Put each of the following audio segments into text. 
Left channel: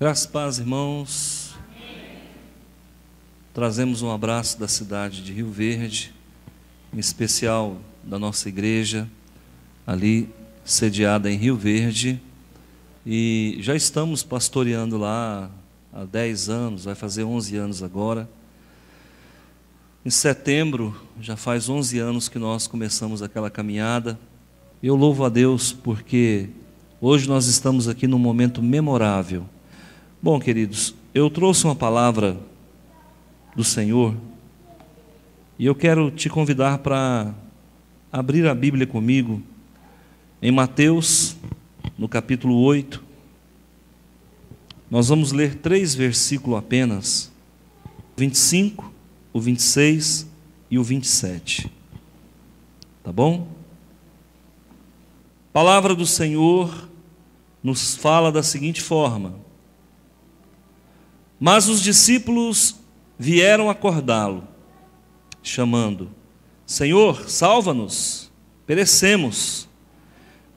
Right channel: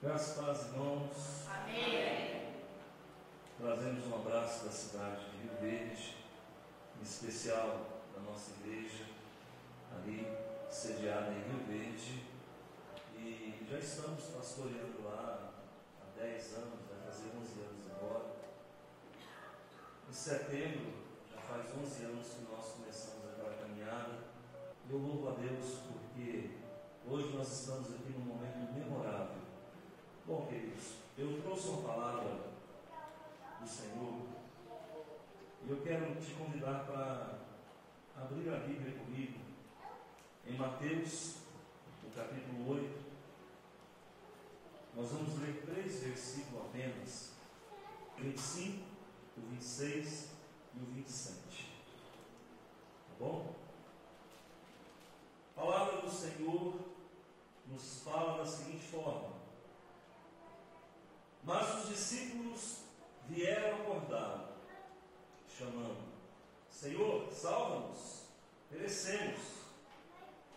Graças e paz, irmãos. Amém. Trazemos um abraço da cidade de Rio Verde, em especial da nossa igreja, ali sediada em Rio Verde, e já estamos pastoreando lá há 10 anos, vai fazer 11 anos agora. Em setembro, já faz 11 anos que nós começamos aquela caminhada. Eu louvo a Deus porque hoje nós estamos aqui num momento memorável. Bom, queridos, eu trouxe uma palavra do Senhor e eu quero te convidar para abrir a Bíblia comigo em Mateus, no capítulo 8. Nós vamos ler 3 versículos apenas, 25, o 26 e o 27. Tá bom? A palavra do Senhor nos fala da seguinte forma: mas os discípulos vieram acordá-lo, chamando: Senhor, salva-nos, perecemos.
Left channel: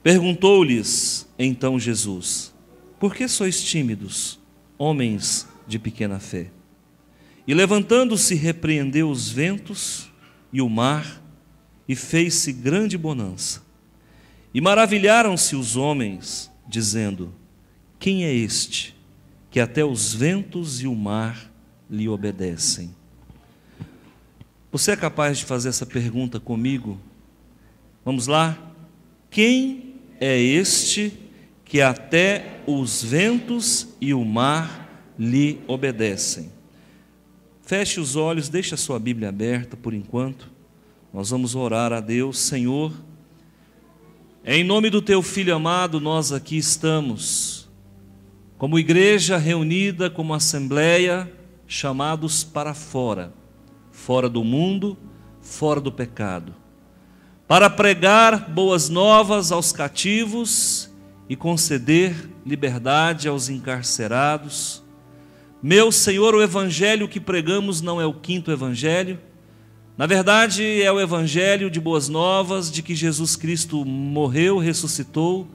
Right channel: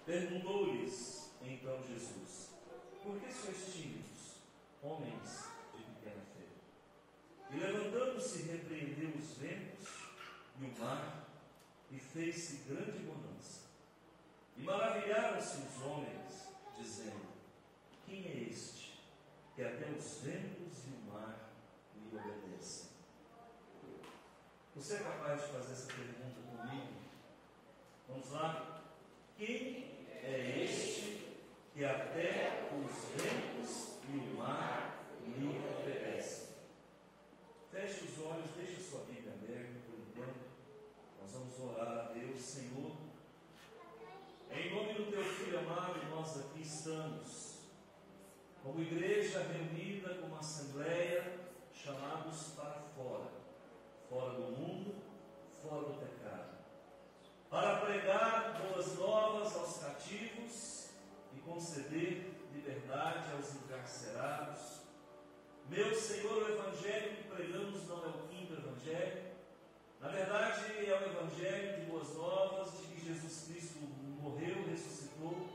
Perguntou-lhes então Jesus: por que sois tímidos, homens de pequena fé? E levantando-se, repreendeu os ventos e o mar, e fez-se grande bonança. E maravilharam-se os homens, dizendo: quem é este, que até os ventos e o mar lhe obedecem? Você é capaz de fazer essa pergunta comigo? Vamos lá? Quem é este que até os ventos e o mar lhe obedecem? Feche os olhos, deixe a sua Bíblia aberta por enquanto. Nós vamos orar a Deus. Senhor, em nome do teu Filho amado, nós aqui estamos como igreja reunida, como assembleia, chamados para fora, fora do mundo, fora do pecado, para pregar boas novas aos cativos e conceder liberdade aos encarcerados. Meu Senhor, o evangelho que pregamos não é o 5º evangelho, na verdade é o evangelho de boas novas, de que Jesus Cristo morreu, ressuscitou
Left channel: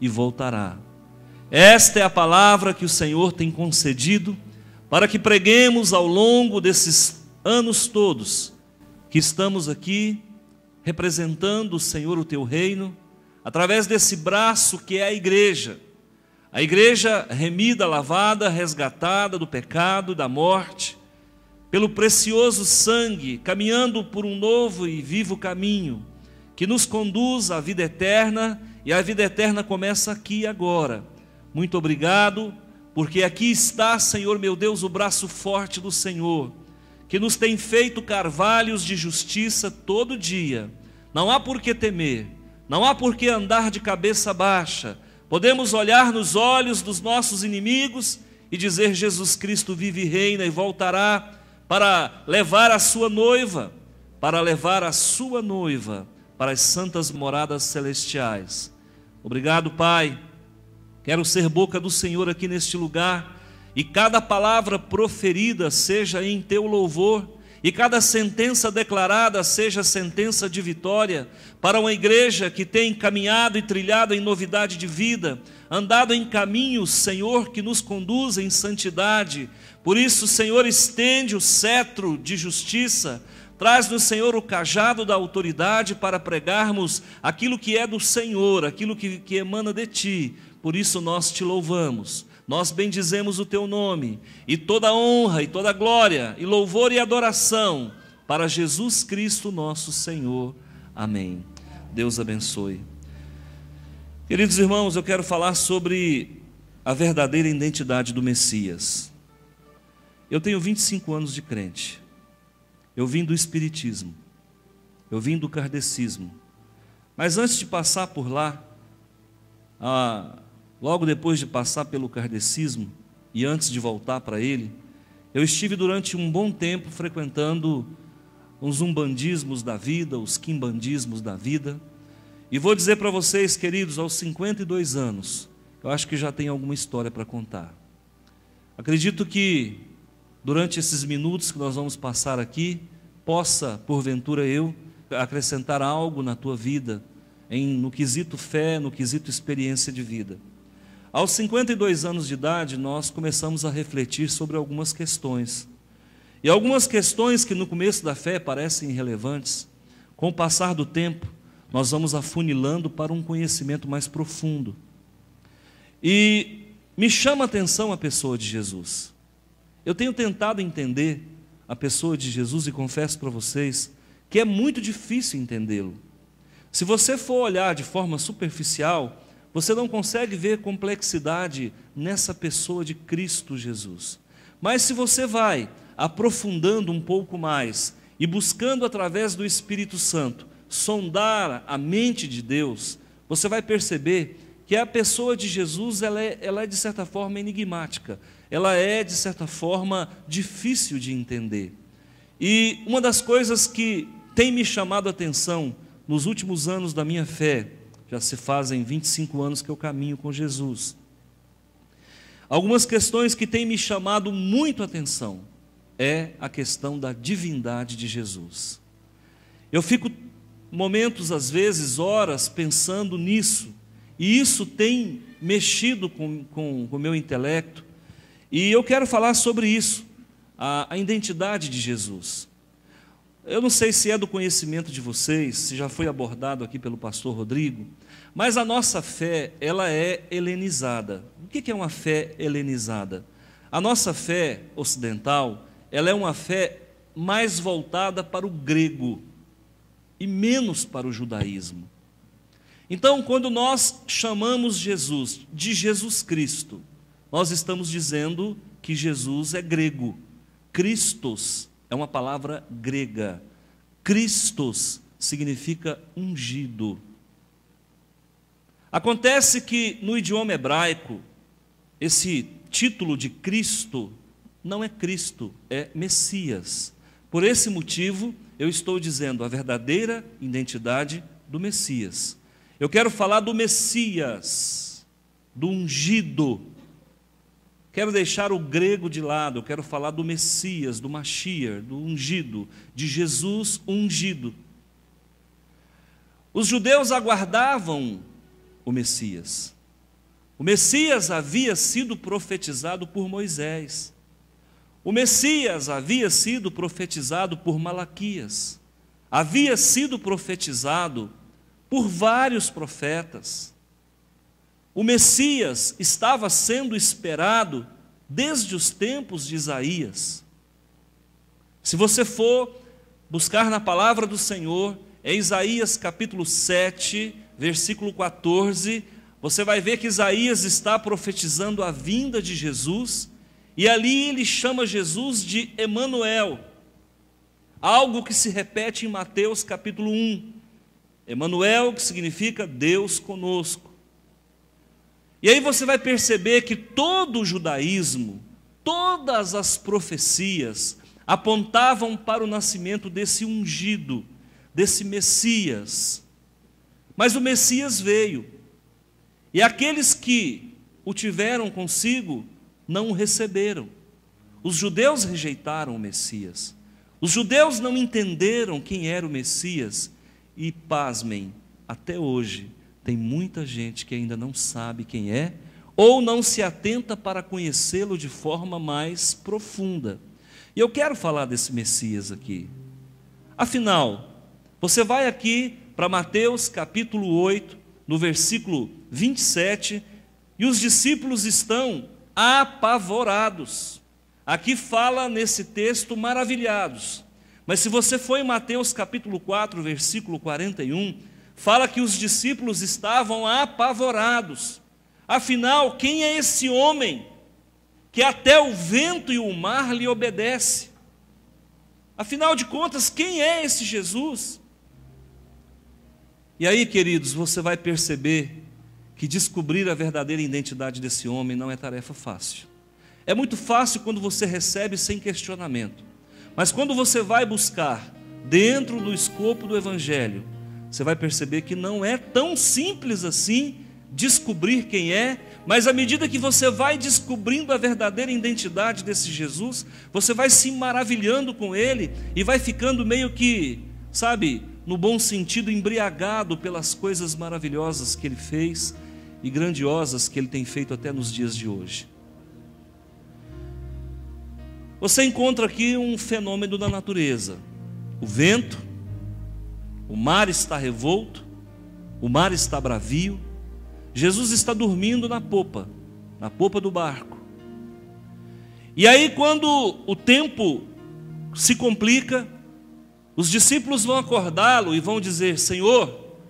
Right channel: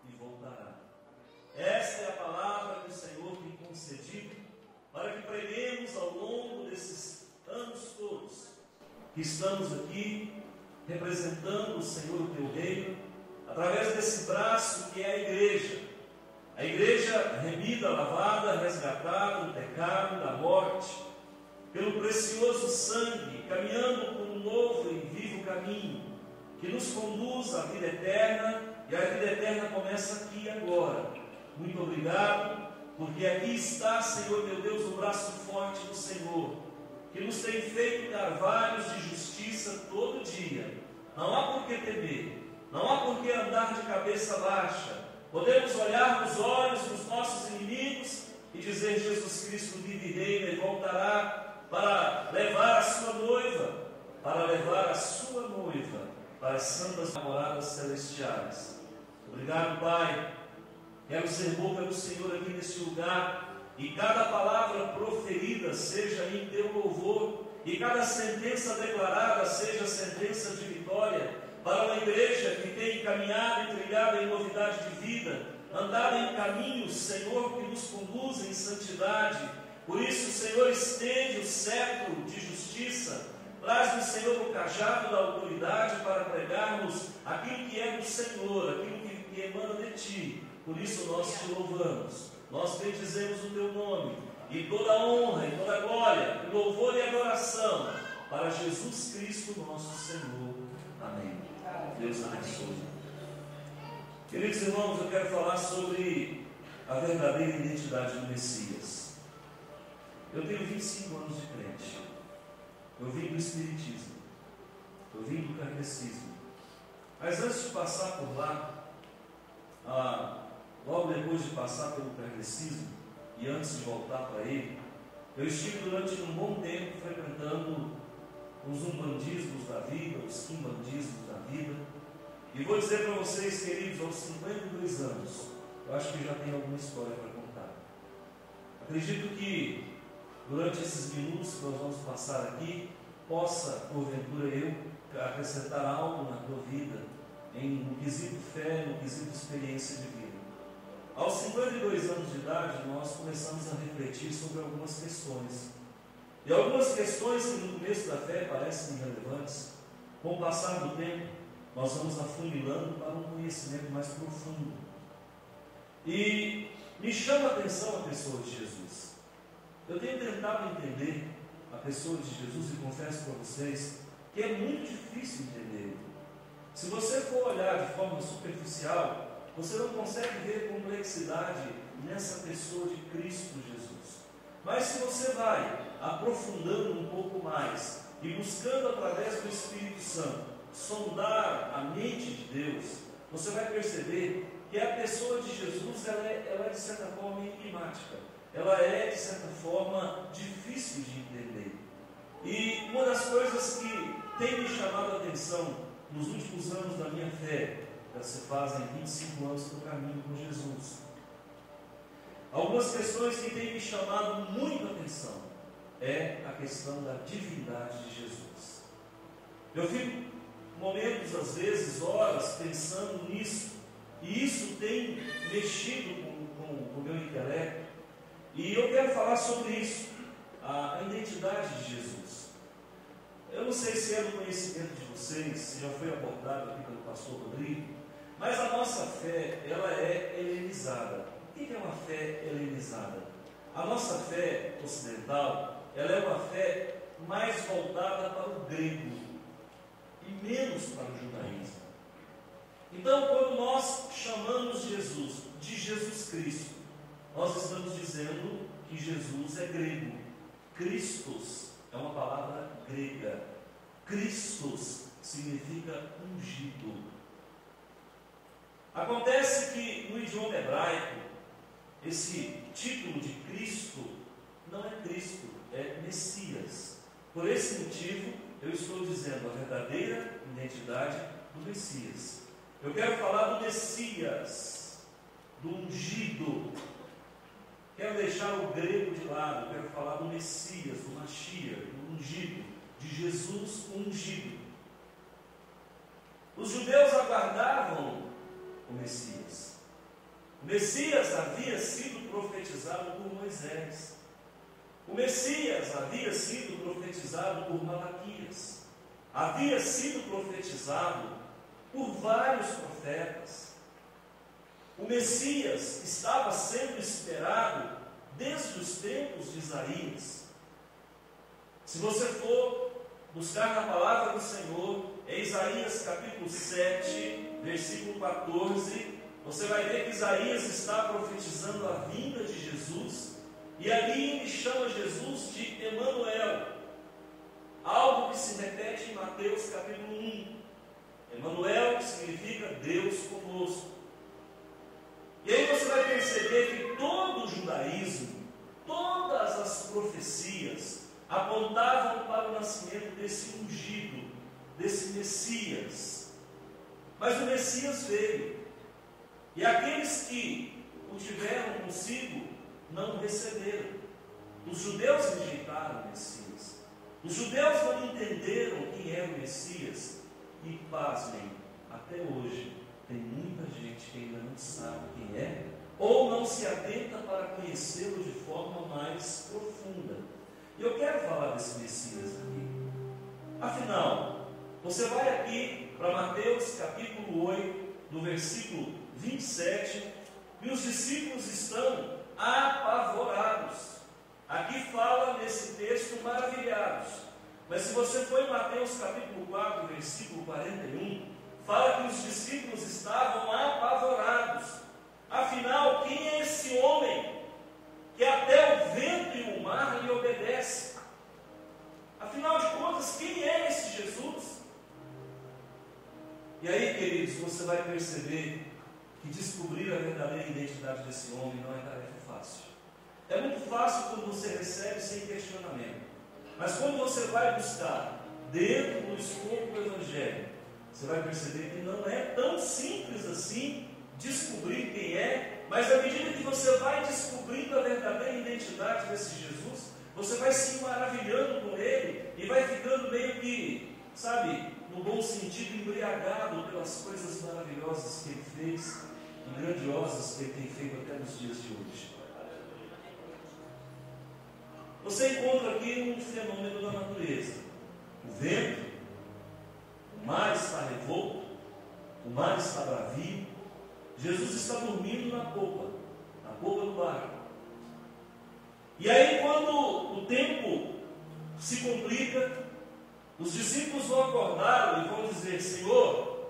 e voltará. Esta é a palavra que o Senhor tem concedido para que preguemos ao longo desses anos todos que estamos aqui representando, Senhor, o teu reino, através desse braço que é a igreja remida, lavada, resgatada do pecado, da morte, pelo precioso sangue, caminhando por um novo e vivo caminho que nos conduz à vida eterna, e a vida eterna começa aqui e agora. Muito obrigado, porque aqui está, Senhor meu Deus, o braço forte do Senhor, que nos tem feito carvalhos de justiça todo dia. Não há por que temer, não há por que andar de cabeça baixa. Podemos olhar nos olhos dos nossos inimigos e dizer: Jesus Cristo vive e reina e voltará para levar a sua noiva, para as santas moradas celestiais. Obrigado, Pai. Quero ser boca do Senhor aqui neste lugar, e cada palavra proferida seja em teu louvor, e cada sentença declarada seja sentença de vitória para uma igreja que tem caminhado e trilhado em novidade de vida, andado em caminhos, Senhor, que nos conduzem em santidade. Por isso, Senhor, estende o cetro de justiça, traz no Senhor o cajado da autoridade para pregarmos aquilo que é do Senhor, aquilo que emana de Ti. Por isso nós te louvamos, nós bendizemos o teu nome, e toda honra e toda glória e louvor e adoração para Jesus Cristo nosso Senhor. Amém. Deus abençoe. Queridos irmãos, eu quero falar sobre a verdadeira identidade do Messias. Eu tenho 25 anos de crente. Eu vim do Espiritismo, eu vim do Kardecismo, mas antes de passar por lá, logo depois de passar pelo kardecismo e antes de voltar para ele, eu estive durante um bom tempo frequentando os umbandismos da vida, os quimbandismos da vida, e vou dizer para vocês, queridos, aos 52 anos, eu acho que já tem alguma história para contar. Acredito que durante esses minutos que nós vamos passar aqui, possa, porventura, eu acrescentar algo na tua vida, no quesito fé, no quesito experiência de vida. Aos 52 anos de idade, nós começamos a refletir sobre algumas questões. E algumas questões que no começo da fé parecem irrelevantes, com o passar do tempo, nós vamos afunilando para um conhecimento mais profundo. E me chama a atenção a pessoa de Jesus. Eu tenho tentado entender a pessoa de Jesus e confesso para vocês que é muito difícil entendê-lo. Se você for olhar de forma superficial, você não consegue ver complexidade nessa pessoa de Cristo Jesus. Mas se você vai aprofundando um pouco mais e buscando através do Espírito Santo sondar a mente de Deus, você vai perceber que a pessoa de Jesus ela é de certa forma enigmática, ela é de certa forma difícil de entender. E uma das coisas que tem me chamado a atenção nos últimos anos da minha fé, já se fazem 25 anos que eu caminho com Jesus, algumas questões que têm me chamado muito a atenção é a questão da divindade de Jesus. Eu fico momentos, às vezes, horas, pensando nisso, e isso tem mexido com o meu intelecto, e eu quero falar sobre isso, a identidade de Jesus. Eu não sei se é do conhecimento de vocês, se já foi abordado aqui pelo pastor Rodrigo, mas a nossa fé, ela é helenizada. O que é uma fé helenizada? A nossa fé ocidental, ela é uma fé mais voltada para o grego e menos para o judaísmo. Então, quando nós chamamos Jesus de Jesus Cristo, nós estamos dizendo que Jesus é grego. Christos é uma palavra grega. Christos significa ungido. Acontece que no idioma hebraico, esse título de Cristo não é Cristo, é Messias. Por esse motivo, eu estou dizendo a verdadeira identidade do Messias. Eu quero falar do Messias, do ungido. Quero deixar o grego de lado, quero falar do Messias, do Mashiach, do ungido, de Jesus ungido. Os judeus aguardavam o Messias. O Messias havia sido profetizado por Moisés. O Messias havia sido profetizado por Malaquias. Havia sido profetizado por vários profetas. O Messias estava sendo esperado desde os tempos de Isaías. Se você for buscar na palavra do Senhor, em Isaías capítulo 7, versículo 14, você vai ver que Isaías está profetizando a vinda de Jesus, e ali ele chama Jesus de Emanuel, algo que se repete em Mateus capítulo 1. Emanuel, que significa Deus conosco. E aí você vai perceber que todo o judaísmo, todas as profecias apontavam para o nascimento desse ungido, desse Messias. Mas o Messias veio, e aqueles que o tiveram consigo não o receberam. Os judeus rejeitaram o Messias. Os judeus não entenderam quem era o Messias. E pasmem, até hoje tem muita gente que ainda não sabe quem é, ou não se atenta para conhecê-lo de forma mais profunda. E eu quero falar desse Messias aqui. Afinal, você vai aqui para Mateus capítulo 8, no versículo 27, e os discípulos estão apavorados. Aqui fala nesse texto maravilhados. Mas se você for em Mateus capítulo 4, versículo 41, fala que os discípulos estavam apavorados. Afinal, quem é esse homem que até o vento e o mar lhe obedecem? Afinal de contas, quem é esse Jesus? E aí, queridos, você vai perceber que descobrir a verdadeira identidade desse homem não é tarefa fácil. É muito fácil quando você recebe sem questionamento. Mas quando você vai buscar dentro do escopo do Evangelho, você vai perceber que não é tão simples assim descobrir quem é, mas à medida que você vai descobrindo a verdadeira identidade desse Jesus, você vai se maravilhando com ele e vai ficando meio que, sabe, no bom sentido, embriagado pelas coisas maravilhosas que ele fez. e grandiosas que Ele tem feito até nos dias de hoje. Você encontra aqui um fenômeno da natureza: o vento, o mar está revolto, o mar está bravio. Jesus está dormindo na popa do barco. E aí, quando o tempo se complica, os discípulos vão acordá-lo e vão dizer: Senhor,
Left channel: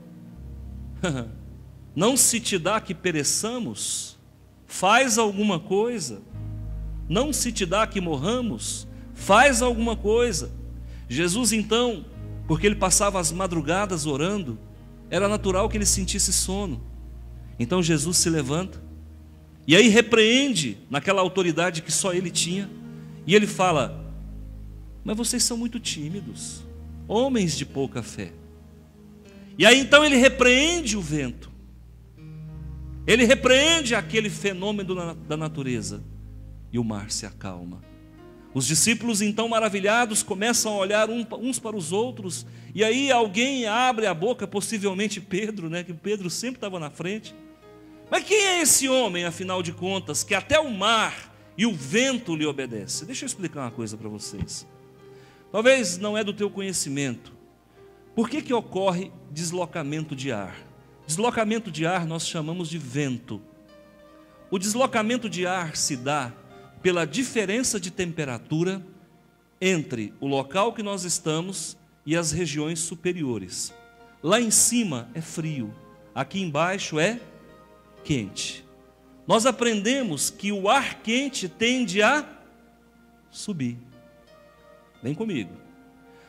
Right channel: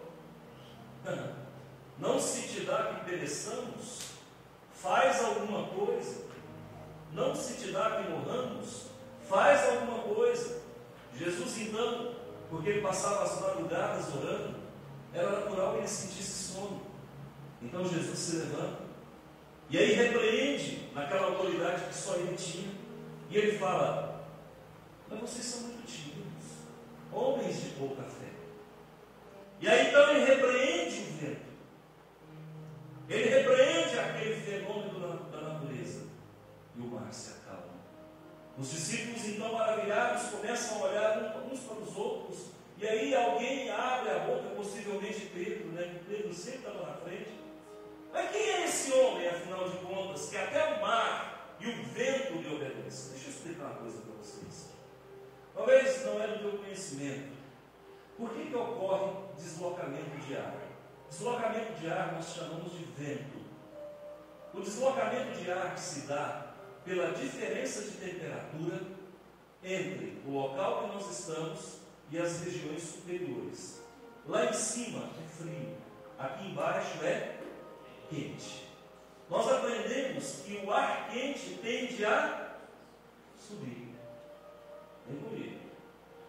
não se te dá que pereçamos? Faz alguma coisa. Não se te dá que morramos? Faz alguma coisa. Jesus então, porque ele passava as madrugadas orando, era natural que ele sentisse sono. Então Jesus se levanta e aí repreende naquela autoridade que só ele tinha, e ele fala: mas vocês são muito tímidos, homens de pouca fé. E aí então ele repreende o vento, ele repreende aquele fenômeno da natureza, e o mar se acalma. Os discípulos então, maravilhados, começam a olhar uns para os outros, e aí alguém abre a boca, possivelmente Pedro, né? Que Pedro sempre estava na frente. Mas quem é esse homem, afinal de contas, que até o mar e o vento lhe obedecem? Deixa eu explicar uma coisa para vocês. Talvez não é do teu conhecimento. Por que ocorre deslocamento de ar? Deslocamento de ar nós chamamos de vento. O deslocamento de ar se dá pela diferença de temperatura entre o local que nós estamos e as regiões superiores. Lá em cima é frio, aqui embaixo é quente. Nós aprendemos que o ar quente tende a subir. Vem comigo.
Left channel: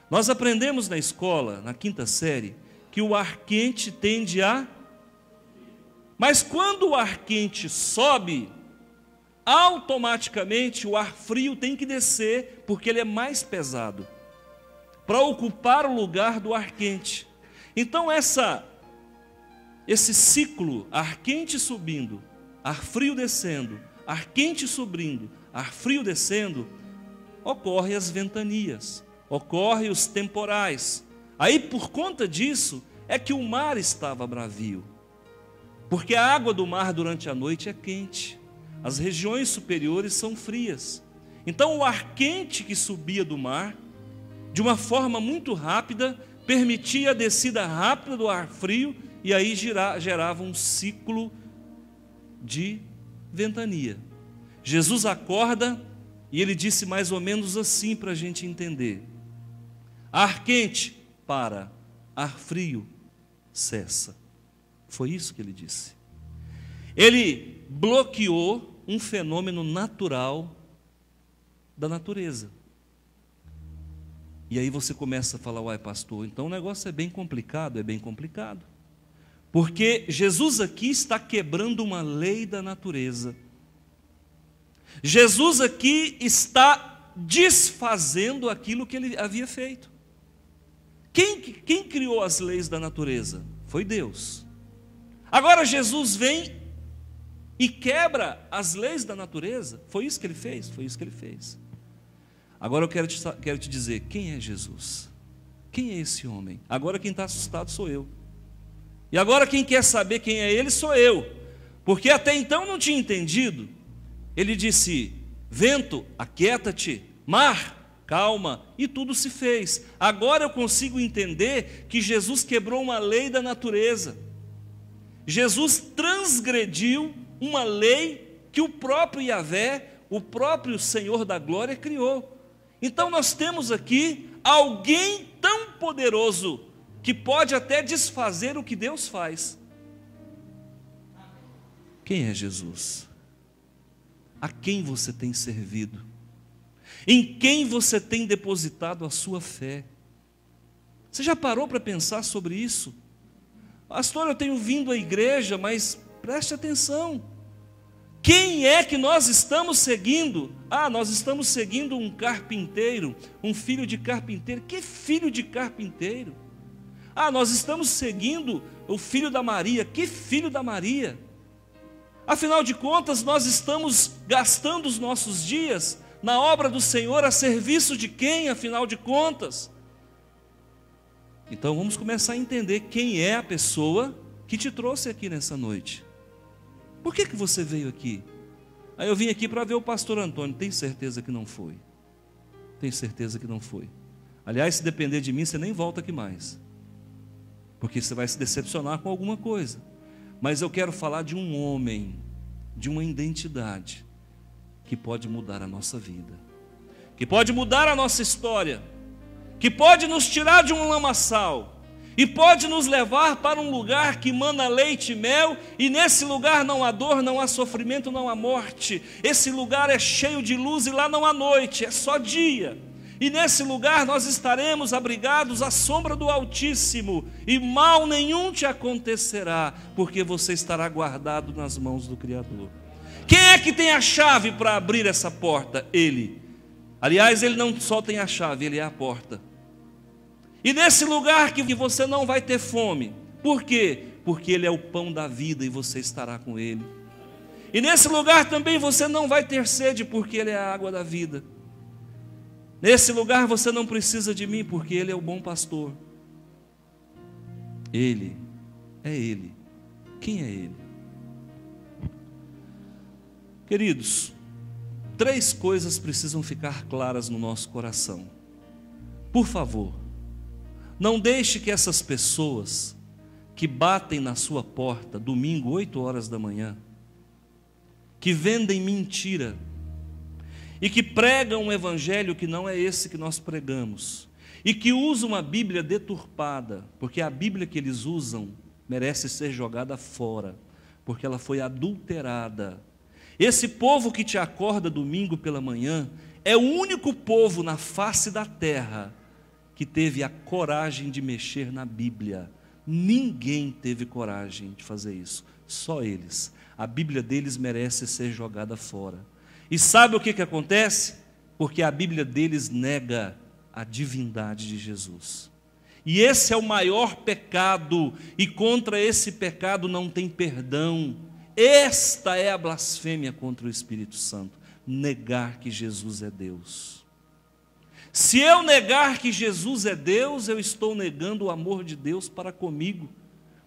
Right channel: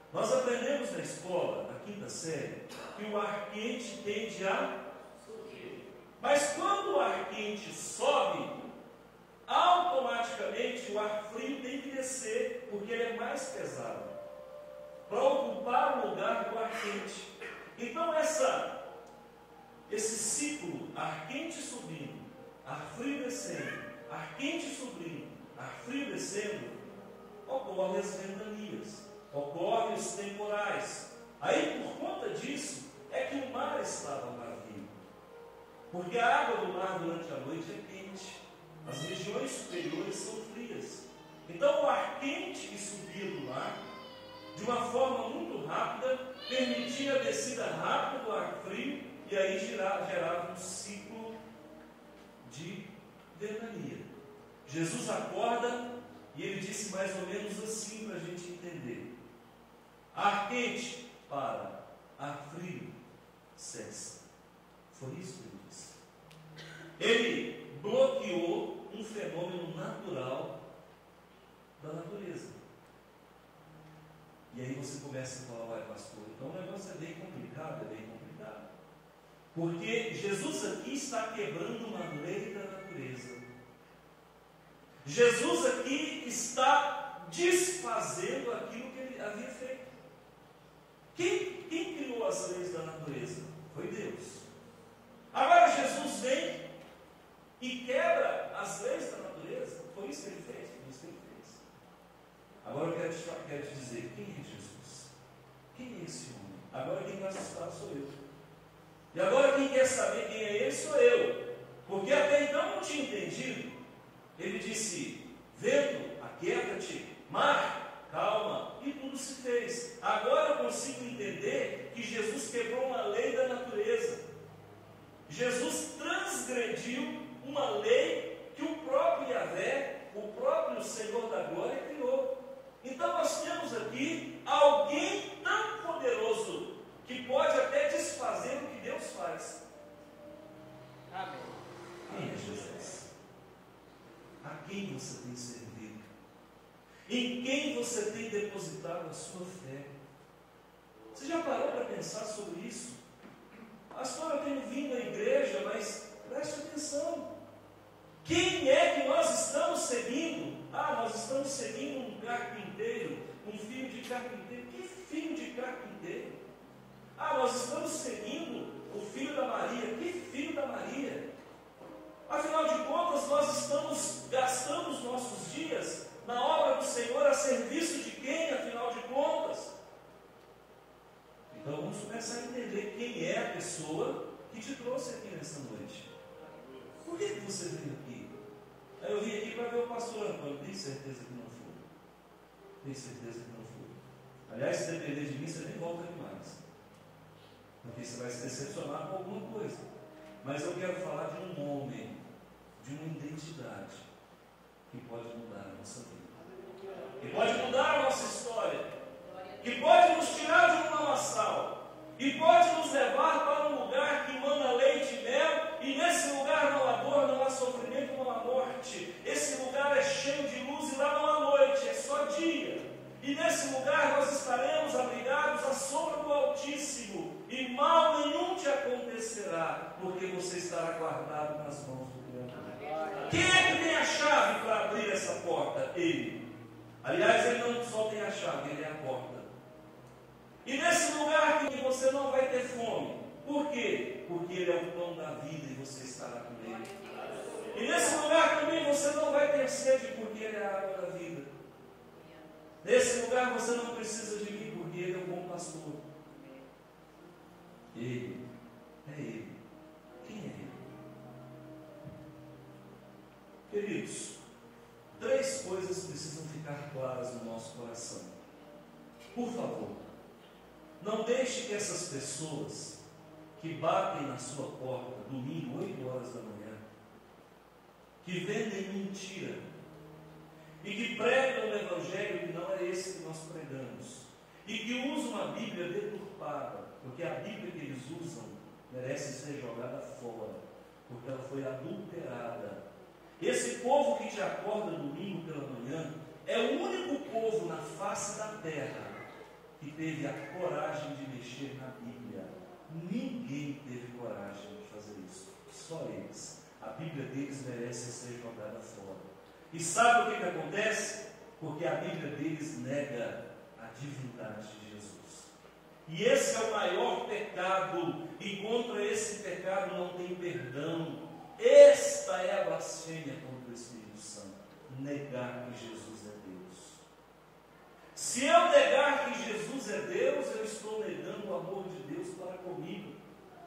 Nós aprendemos na escola, na 5ª série, que o ar quente tende a subir. Mas quando o ar quente sobe, automaticamente o ar frio tem que descer, porque ele é mais pesado, para ocupar o lugar do ar quente. Então esse ciclo, ar quente subindo, ar frio descendo, ar quente subindo, ar frio descendo, ocorre as ventanias, ocorre os temporais. Aí por conta disso é que o mar estava bravio, porque a água do mar durante a noite é quente, as regiões superiores são frias. Então o ar quente que subia do mar, de uma forma muito rápida, permitia a descida rápida do ar frio, e aí gerava um ciclo de ventania. Jesus acorda e ele disse mais ou menos assim para a gente entender: ar quente para, ar frio cessa. Foi isso que ele disse. Ele bloqueou um fenômeno natural da natureza. E aí você começa a falar: uai, pastor, então o negócio é bem complicado. É bem complicado, porque Jesus aqui está quebrando uma lei da natureza. Jesus aqui está desfazendo aquilo que ele havia feito. Quem criou as leis da natureza? Foi Deus. Agora Jesus vem e quebra as leis da natureza. Foi isso que ele fez? Foi isso que ele fez. Agora eu quero te dizer: quem é Jesus? Quem é esse homem? Agora quem está assustado sou eu. E agora quem quer saber quem é ele sou eu. Porque até então não tinha entendido. Ele disse: vento, aquieta-te, mar, calma, e tudo se fez. Agora eu consigo entender que Jesus quebrou uma lei da natureza. Jesus transgrediu uma lei que o próprio Yahvé, o próprio Senhor da glória, criou. Então nós temos aqui alguém tão poderoso que pode até desfazer o que Deus faz. Quem é Jesus? A quem você tem servido? Em quem você tem depositado a sua fé? Você já parou para pensar sobre isso? Pastor, eu tenho vindo à igreja, mas preste atenção. Quem é que nós estamos seguindo? Nós estamos seguindo um carpinteiro, um filho de carpinteiro. Que filho de carpinteiro? Nós estamos seguindo o filho da Maria. Que filho da Maria? Afinal de contas, nós estamos gastando os nossos dias na obra do Senhor, a serviço de quem, afinal de contas? Então vamos começar a entender quem é a pessoa que te trouxe aqui nessa noite. Por que você veio aqui? Aí eu vim aqui para ver o pastor Antônio. Tem certeza que não foi? Tenho certeza que não foi. Aliás, se depender de mim, você nem volta aqui mais, porque você vai se decepcionar com alguma coisa. Mas eu quero falar de um homem, de uma identidade, que pode mudar a nossa vida, que pode mudar a nossa história, que pode nos tirar de um lamaçal, e pode nos levar para um lugar que mana leite e mel, e nesse lugar não há dor, não há sofrimento, não há morte. Esse lugar é cheio de luz, e lá não há noite, é só dia. E nesse lugar nós estaremos abrigados à sombra do Altíssimo, e mal nenhum te acontecerá, porque você estará guardado nas mãos do Criador. Quem é que tem a chave para abrir essa porta? Ele. Aliás, ele não só tem a chave, ele é a porta. E nesse lugar que você não vai ter fome. Por quê? Porque ele é o pão da vida e você estará com ele. E nesse lugar também você não vai ter sede, porque ele é a água da vida. Nesse lugar você não precisa de mim, porque ele é o bom pastor. Ele é ele. Quem é ele? Queridos, 3 coisas precisam ficar claras no nosso coração. Por favor, não deixe que essas pessoas que batem na sua porta domingo, 8 horas da manhã, que vendem mentira e que pregam um evangelho que não é esse que nós pregamos, e que usam uma Bíblia deturpada, porque a Bíblia que eles usam merece ser jogada fora, porque ela foi adulterada. Esse povo que te acorda domingo pela manhã é o único povo na face da terra que teve a coragem de mexer na Bíblia. Ninguém teve coragem de fazer isso, só eles. A Bíblia deles merece ser jogada fora. E sabe o que acontece? Porque a Bíblia deles nega a divindade de Jesus. E esse é o maior pecado, e contra esse pecado não tem perdão. Esta é a blasfêmia contra o Espírito Santo, negar que Jesus é Deus. Se eu negar que Jesus é Deus, eu estou negando o amor de Deus para comigo,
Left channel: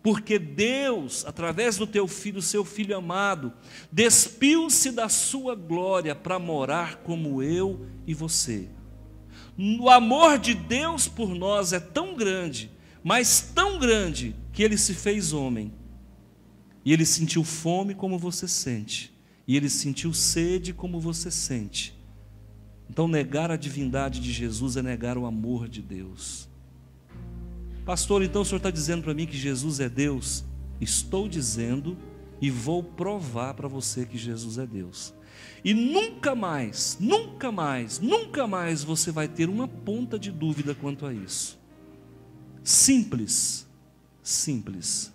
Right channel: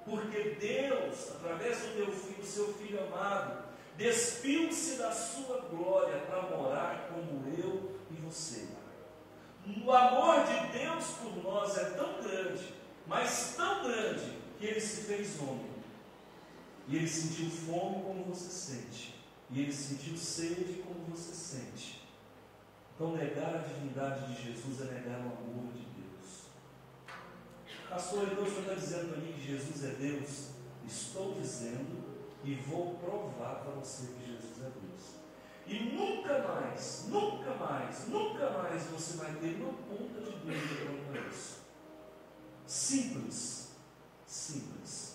porque Deus, através do teu filho, seu filho amado, despiu-se da sua glória para morar como eu e você. O amor de Deus por nós é tão grande, mas tão grande, que ele se fez homem, e ele sentiu fome como você sente, e ele sentiu sede como você sente. Então negar a divindade de Jesus é negar o amor de Deus. Pastor, então o senhor está dizendo para mim que Jesus é Deus? Estou dizendo, e vou provar para você que Jesus é Deus. E nunca mais, nunca mais, nunca mais você vai ter uma ponta de dúvida quanto a isso. Simples, simples.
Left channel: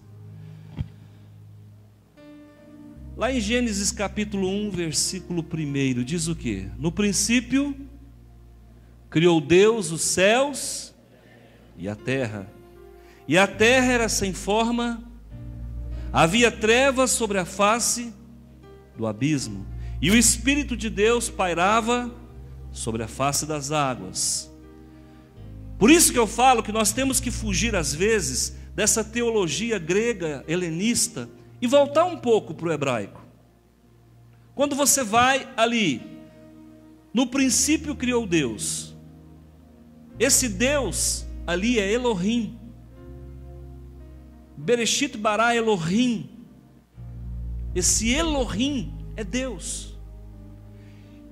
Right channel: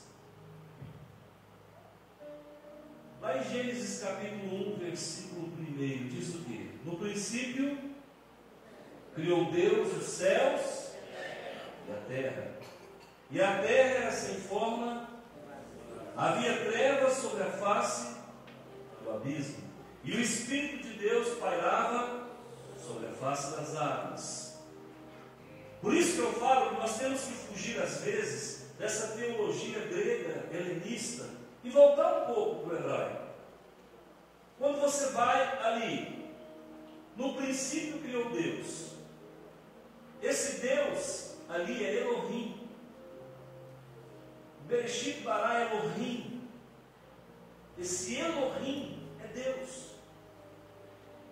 Lá em Gênesis capítulo 1, versículo 1, diz o quê? No princípio, criou Deus os céus e a terra. E a terra era sem forma, havia trevas sobre a face do abismo, e o Espírito de Deus pairava sobre a face das águas. Por isso que eu falo que nós temos que fugir às vezes dessa teologia grega, helenista, e voltar um pouco para o hebraico. Quando você vai ali, no princípio criou Deus, esse Deus ali é Elohim, Bereshit bara Elohim. Esse Elohim é Deus.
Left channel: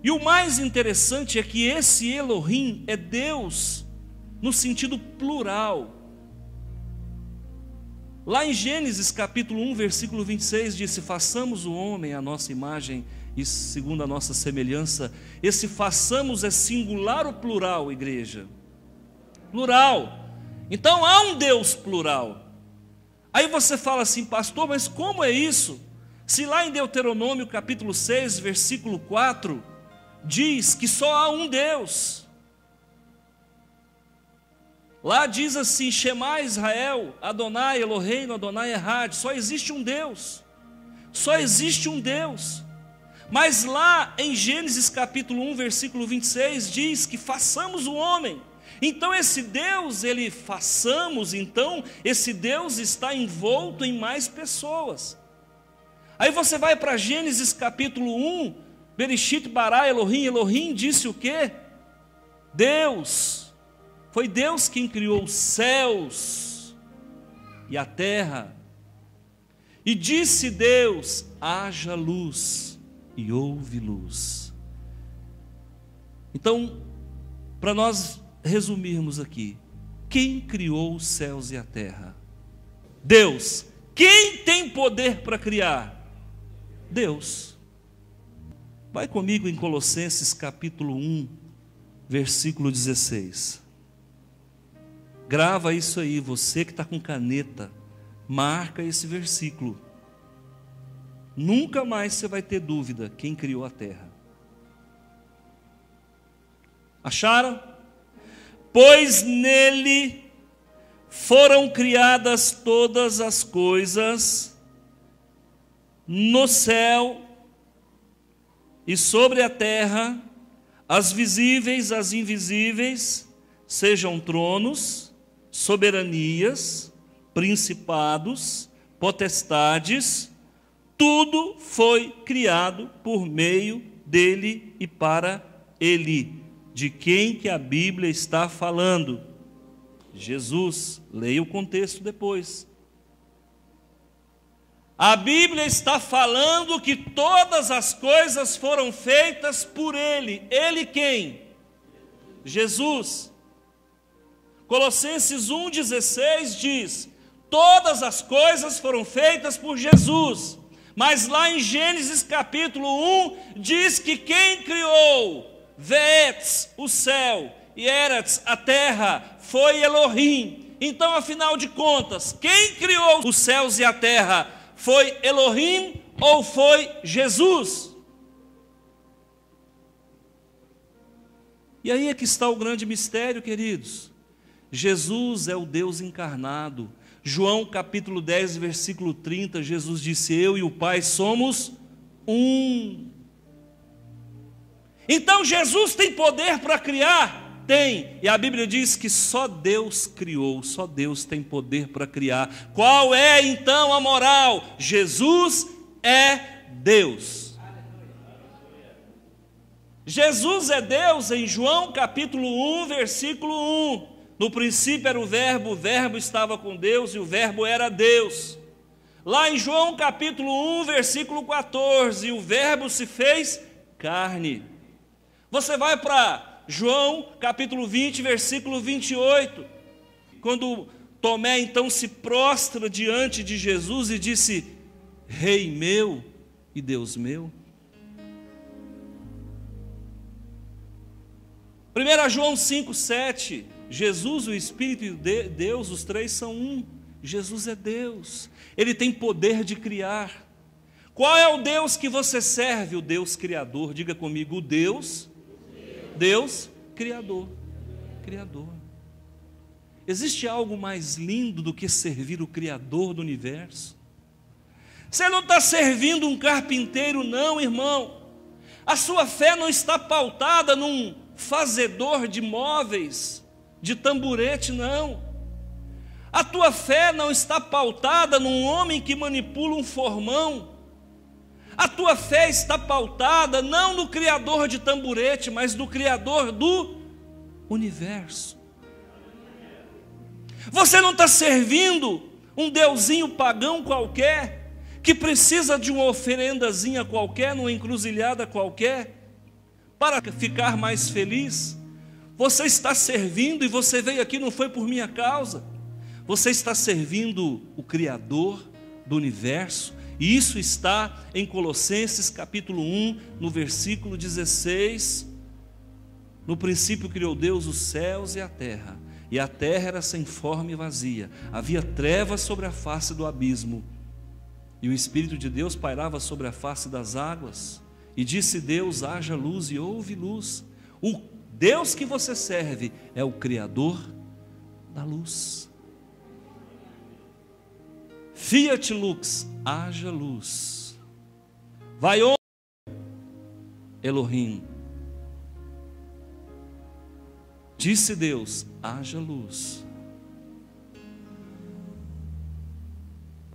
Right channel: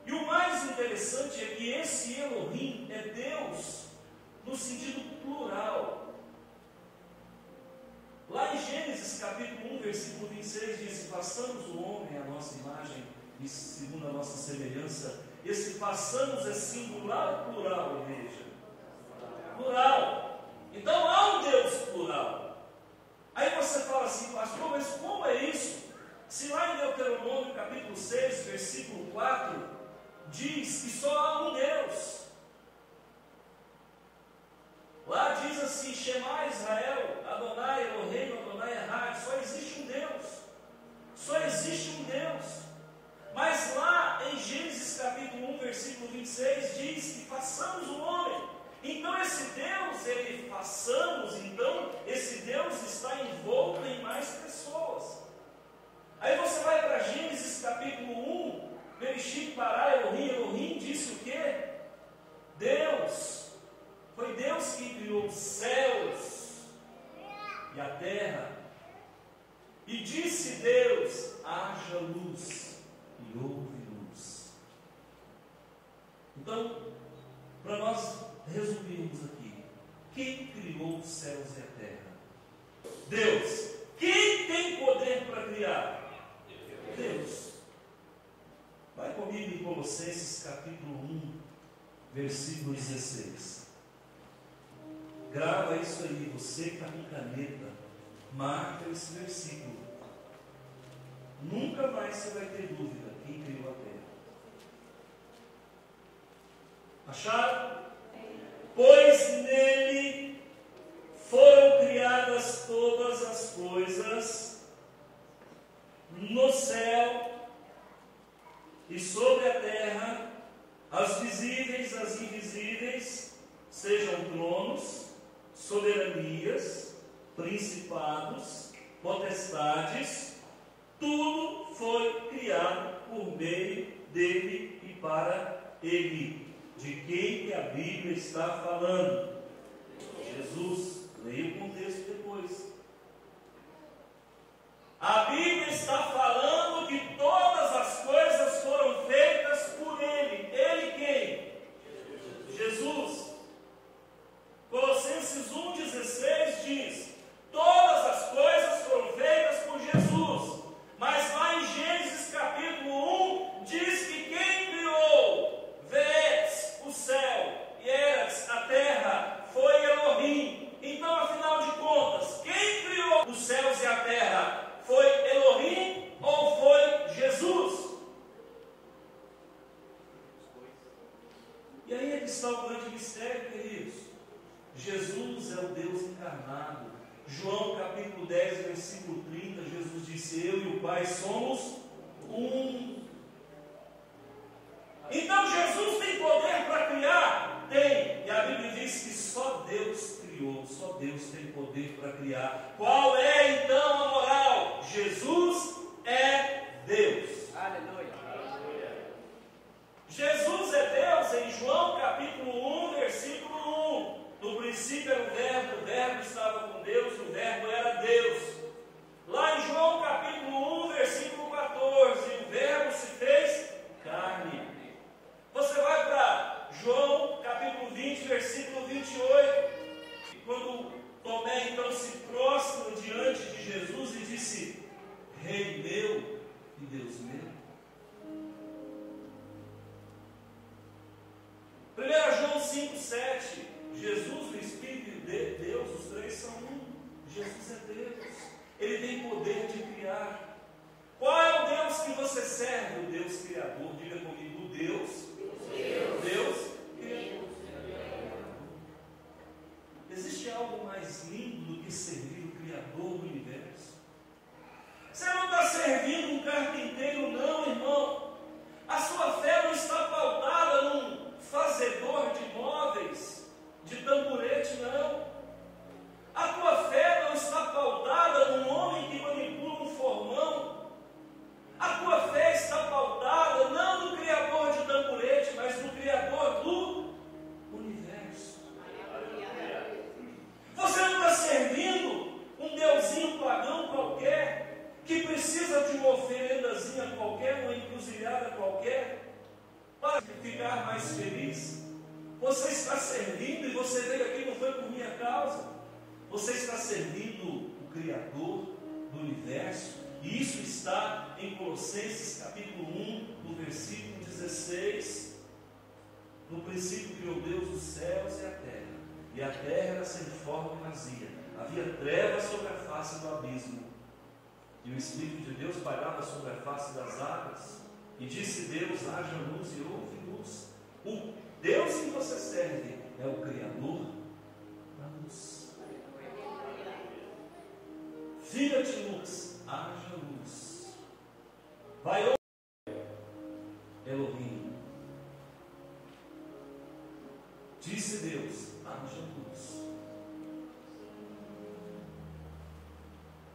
E o mais interessante é que esse Elohim é Deus no sentido plural. Lá em Gênesis capítulo 1, versículo 26, diz: façamos o homem à nossa imagem e segundo a nossa semelhança. Esse façamos é singular ou plural, igreja? Plural. Então há um Deus plural. Aí você fala assim: pastor, mas como é isso? Se lá em Deuteronômio capítulo 6, versículo 4, diz que só há um Deus. Lá diz assim: Shema Israel, Adonai Eloheinu, Adonai Echad. Só existe um Deus. Só existe um Deus. Mas lá em Gênesis capítulo 1, versículo 26, diz que façamos o homem. Então esse Deus, esse Deus está envolto em mais pessoas. Aí você vai para Gênesis capítulo 1, Bereshit bara Elohim, Elohim disse o quê? Deus, foi Deus quem criou os céus e a terra. E disse Deus, haja luz, e houve luz. Então, para nós resumirmos aqui, quem criou os céus e a terra? Deus. Quem tem poder para criar? Deus. Vai comigo em Colossenses capítulo 1, versículo 16. Grava isso aí, você que está com caneta, marca esse versículo. Nunca mais você vai ter dúvida quem criou a terra. Acharam? Pois nele foram criadas todas as coisas, no céu e sobre a terra, as visíveis, as invisíveis, sejam tronos, soberanias, principados, potestades, tudo foi criado por meio dele e para ele. De quem que a Bíblia está falando? Jesus. Leia o contexto depois. A Bíblia está falando que todas as coisas foram feitas por ele. Ele quem? Jesus. Colossenses 1,16 diz: todas as coisas foram feitas por Jesus. Mas lá em Gênesis capítulo 1 diz que quem criou Veetz, o céu, e Eretz, a terra, foi Elohim. Então, afinal de contas, quem criou os céus e a terra? Foi Elohim ou foi Jesus? E aí é que está o grande mistério, queridos. Jesus é o Deus encarnado. João capítulo 10, versículo 30, Jesus disse: eu e o Pai somos um. Então Jesus tem poder para criar? Tem. E a Bíblia diz que só Deus criou, só Deus tem poder para criar. Qual é então a moral? Jesus é Deus. Jesus é Deus em João capítulo 1, versículo 1. No princípio era o verbo estava com Deus e o verbo era Deus. Lá em João capítulo 1, versículo 14, o verbo se fez carne. Você vai para João capítulo 20, versículo 28, quando Tomé então se prostra diante de Jesus e disse: Rei meu e Deus meu. 1 João 5, 7, Jesus, o Espírito e Deus, os três são um. Jesus é Deus, Ele tem poder de criar. Qual é o Deus que você serve? O Deus Criador. Diga comigo, o Deus Criador. Criador. Existe algo mais lindo do que servir o Criador do universo? Você não está servindo um carpinteiro, não, irmão. A sua fé não está pautada num fazedor de móveis, de tamborete, não. A tua fé não está pautada num homem que manipula um formão. A tua fé está pautada não no Criador de tamborete, mas no Criador do universo. Você não está servindo um deusinho pagão qualquer, que precisa de uma oferendazinha qualquer, numa encruzilhada qualquer, para ficar mais feliz. Você está servindo, e você veio aqui não foi por minha causa, você está servindo o Criador do universo. E isso está em Colossenses capítulo 1, no versículo 16. No princípio criou Deus os céus e a terra era sem forma e vazia, havia trevas sobre a face do abismo, e o Espírito de Deus pairava sobre a face das águas, e disse Deus: haja luz, e houve luz. O Deus que você serve é o Criador da luz. Fiat lux, haja luz. Vai onde? Elohim. Disse Deus: haja luz.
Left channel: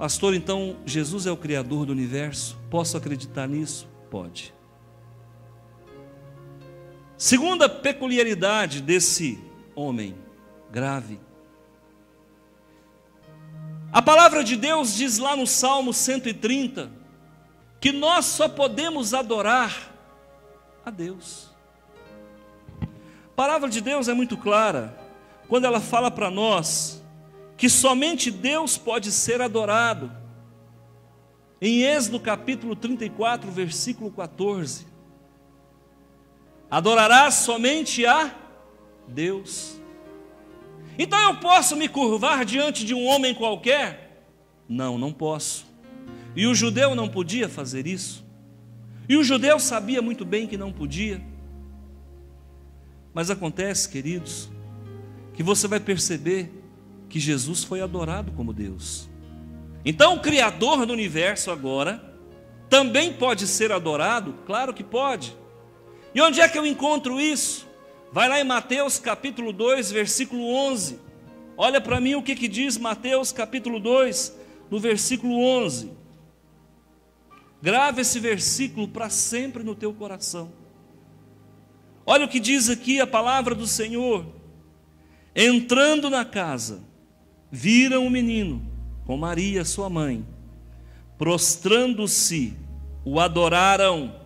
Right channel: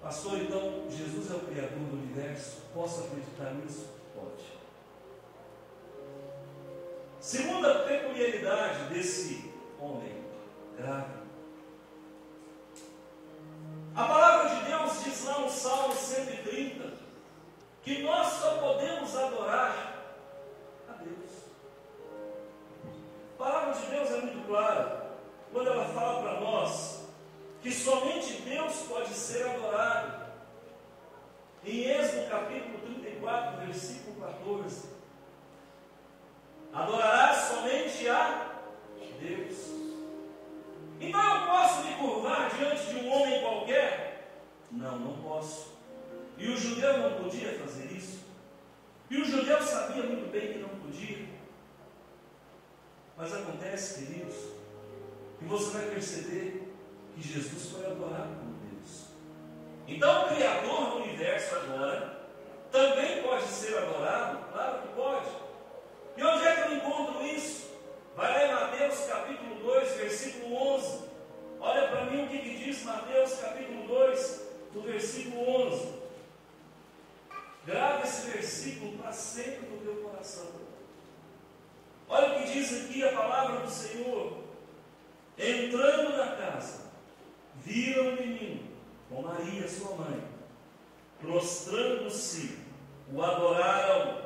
Pastor, então Jesus é o Criador do universo? Posso acreditar nisso? Pode. Segunda peculiaridade desse homem grave. A palavra de Deus diz lá no Salmo 130 que nós só podemos adorar a Deus. A palavra de Deus é muito clara quando ela fala para nós que somente Deus pode ser adorado. Em Êxodo capítulo 34, versículo 14. Adorarás somente a Deus. Então eu posso me curvar diante de um homem qualquer? Não, não posso. E o judeu não podia fazer isso. E o judeu sabia muito bem que não podia. Mas acontece, queridos, que você vai perceber que Jesus foi adorado como Deus. Então o Criador do universo agora também pode ser adorado? Claro que pode. E onde é que eu encontro isso? Vai lá em Mateus capítulo 2, versículo 11. Olha para mim o que diz Mateus capítulo 2, no versículo 11. Grave esse versículo para sempre no teu coração. Olha o que diz aqui a palavra do Senhor. Entrando na casa, viram o menino com Maria, sua mãe. Prostrando-se, o adoraram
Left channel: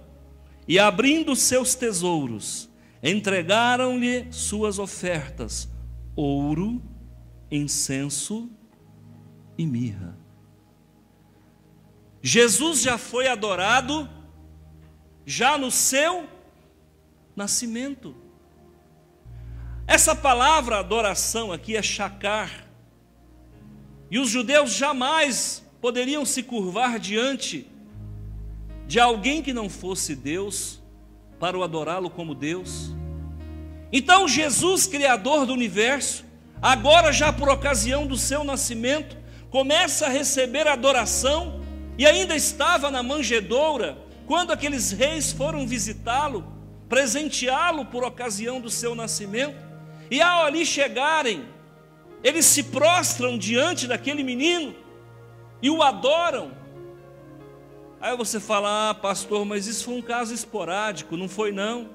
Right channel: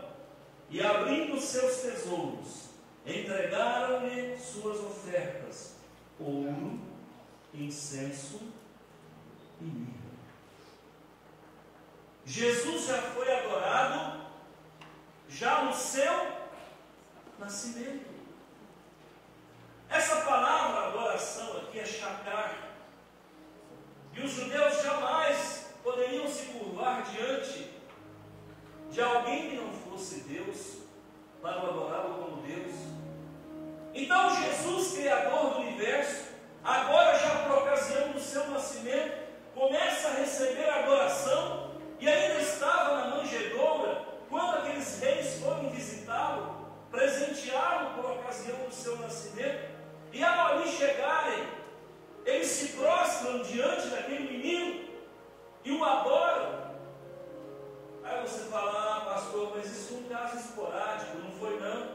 e, abrindo seus tesouros, entregaram-lhe suas ofertas: ouro, incenso e mirra. Jesus já foi adorado já no seu nascimento. Essa palavra adoração aqui é shakar. E os judeus jamais poderiam se curvar diante de alguém que não fosse Deus para o adorá-lo como Deus. Então Jesus, Criador do universo, agora já por ocasião do seu nascimento, começa a receber adoração e ainda estava na manjedoura quando aqueles reis foram visitá-lo, presenteá-lo por ocasião do seu nascimento. E ao ali chegarem, eles se prostram diante daquele menino e o adoram. Aí você fala: ah, pastor, mas isso foi um caso esporádico. Não foi, não.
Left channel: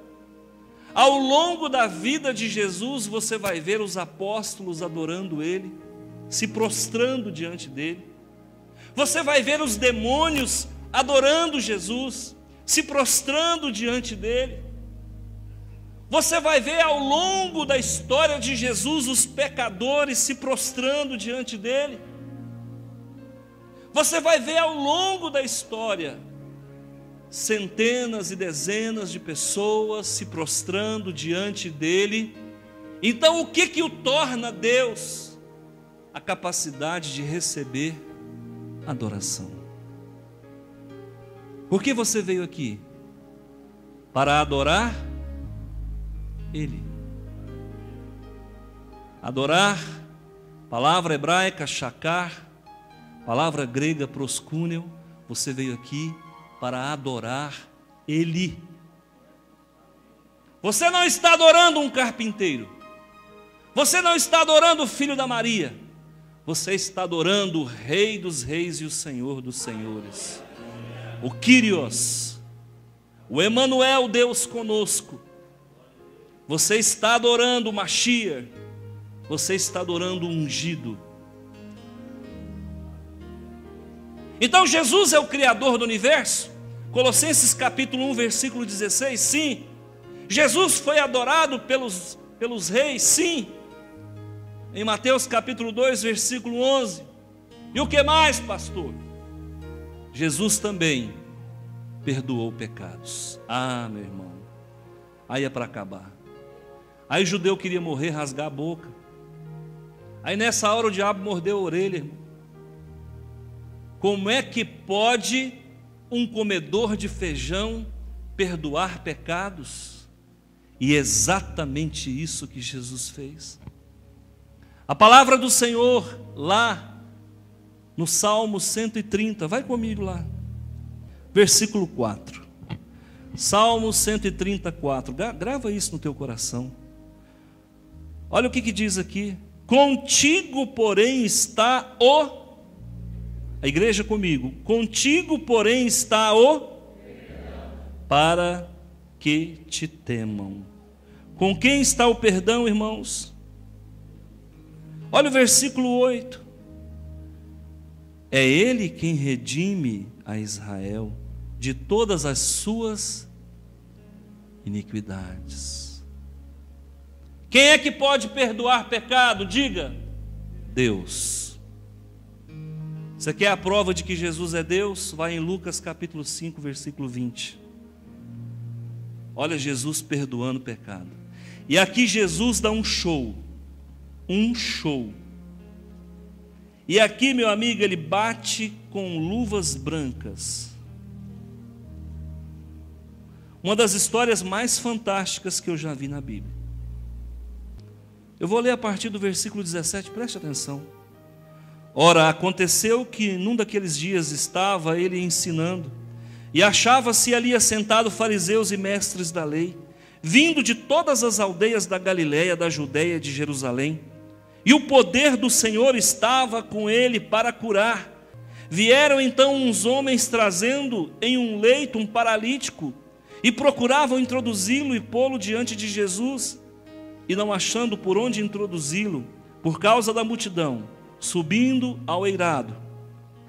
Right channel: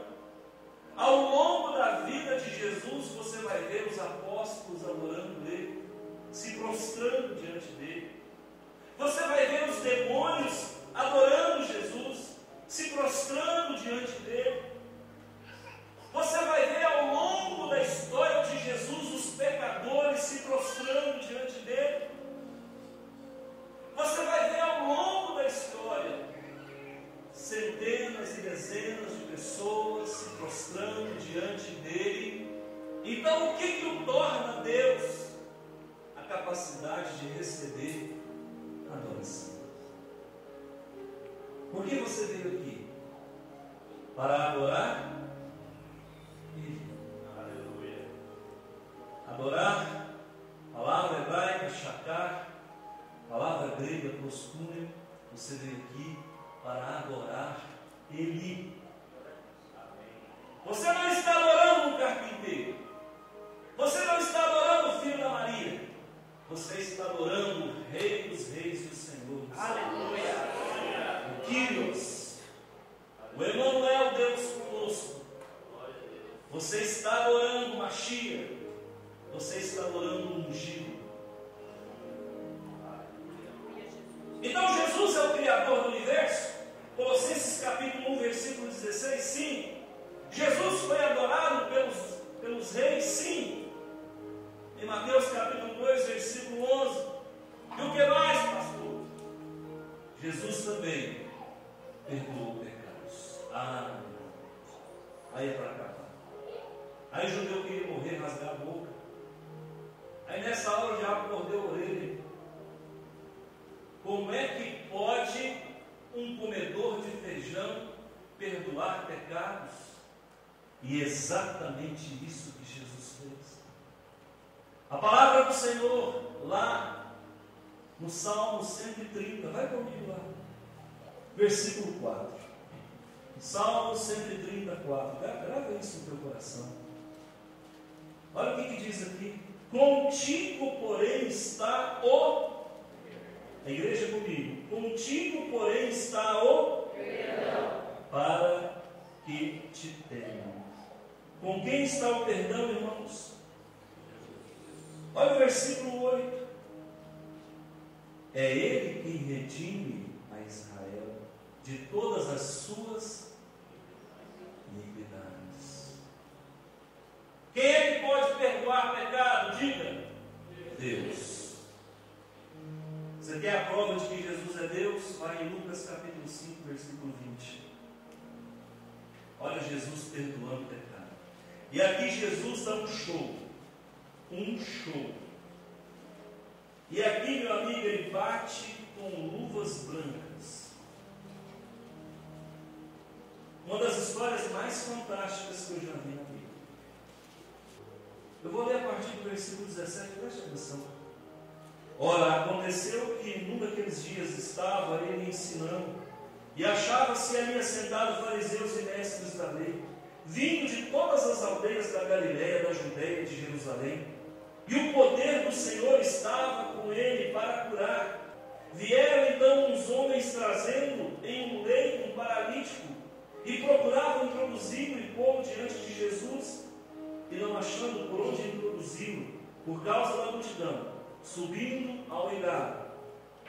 Ao longo da vida de Jesus, você vai ver os apóstolos adorando ele, se prostrando diante dele. Você vai ver os demônios adorando Jesus, se prostrando diante dele. Você vai ver ao longo da história de Jesus os pecadores se prostrando diante dele. Você vai ver ao longo da história centenas e dezenas de pessoas se prostrando diante dele. Então o que o torna Deus? A capacidade de receber adoração. Por que você veio aqui? Para adorar Ele. Adorar, palavra hebraica shakar, palavra grega proskúneo. Você veio aqui para adorar Ele. Você não está adorando um carpinteiro. Você não está adorando o filho da Maria. Você está adorando o Rei dos Reis e o Senhor dos Senhores. O Kyrios, o Emanuel, Deus conosco. Você está adorando o Mashiach. Você está adorando o ungido. Então Jesus é o Criador do universo? Colossenses capítulo 1, versículo 16, sim. Jesus foi adorado pelos reis? Sim. Em Mateus capítulo 2, versículo 11. E o que mais, pastor? Jesus também perdoou pecados. Ah, meu irmão, aí é para acabar. Aí o judeu queria morrer, rasgar a boca. Aí nessa hora o diabo mordeu a orelha. Como é que pode um comedor de feijão perdoar pecados? E é exatamente isso que Jesus fez. A palavra do Senhor lá no Salmo 130, vai comigo lá, versículo 4. Salmo 134, grava isso no teu coração. Olha o que diz aqui: contigo, porém, está o A igreja comigo. Contigo, porém, está o perdão, para que te temam. Com quem está o perdão, irmãos? Olha o versículo 8. É Ele quem redime a Israel de todas as suas iniquidades. Quem é que pode perdoar pecado? Diga: Deus. Você quer a prova de que Jesus é Deus? Vai em Lucas capítulo 5, versículo 20. Olha Jesus perdoando o pecado. E aqui Jesus dá um show. Um show. E aqui, meu amigo, ele bate com luvas brancas. Uma das histórias mais fantásticas que eu já vi na Bíblia. Eu vou ler a partir do versículo 17, preste atenção. Ora, aconteceu que num daqueles dias estava ele ensinando, e achava-se ali assentado fariseus e mestres da lei, vindo de todas as aldeias da Galiléia, da Judéia, de Jerusalém. E o poder do Senhor estava com ele para curar. Vieram então uns homens trazendo em um leito um paralítico, e procuravam introduzi-lo e pô-lo diante de Jesus. E não achando por onde introduzi-lo, por causa da multidão, subindo ao eirado,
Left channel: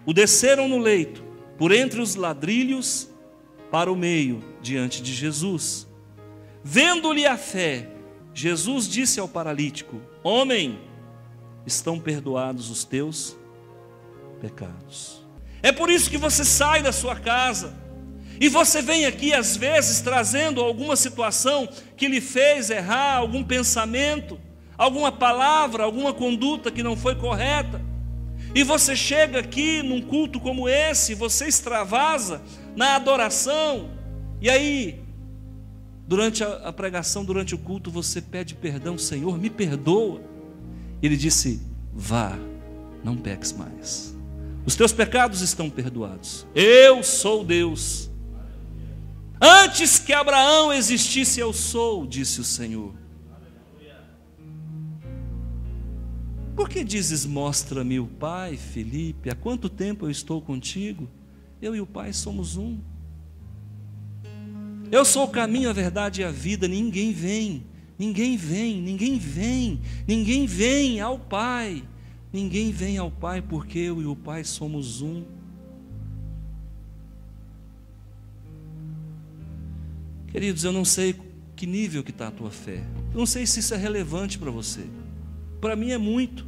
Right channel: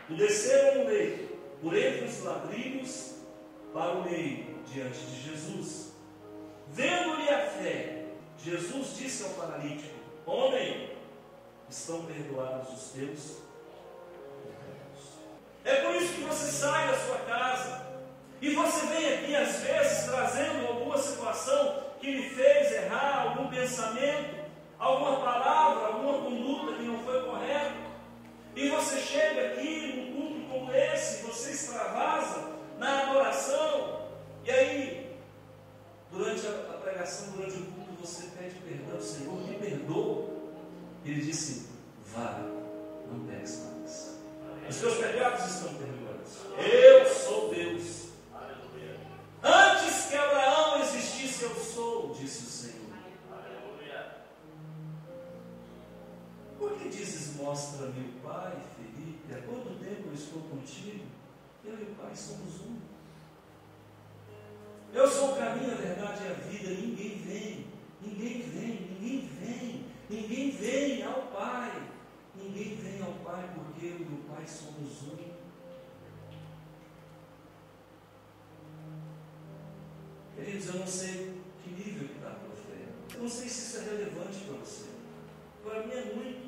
o desceram no leito, por entre os ladrilhos, para o meio, diante de Jesus. Vendo-lhe a fé, Jesus disse ao paralítico: Homem, estão perdoados os teus pecados. É por isso que você sai da sua casa e você vem aqui às vezes trazendo alguma situação que lhe fez errar, algum pensamento, alguma palavra, alguma conduta que não foi correta. E você chega aqui num culto como esse, você extravasa na adoração, e aí durante a pregação, durante o culto, você pede perdão: Senhor, me perdoa. Ele disse: vá, não peques mais, os teus pecados estão perdoados. Eu sou Deus. Antes que Abraão existisse, eu sou, disse o Senhor. Por que dizes: mostra-me o Pai, Felipe? Há quanto tempo eu estou contigo? Eu e o Pai somos um. Eu sou o caminho, a verdade e a vida. Ninguém vem ao Pai. Ninguém vem ao Pai, porque eu e o Pai somos um. Queridos, eu não sei que nível que está a tua fé. Eu não sei se isso é relevante para você. Para mim é muito.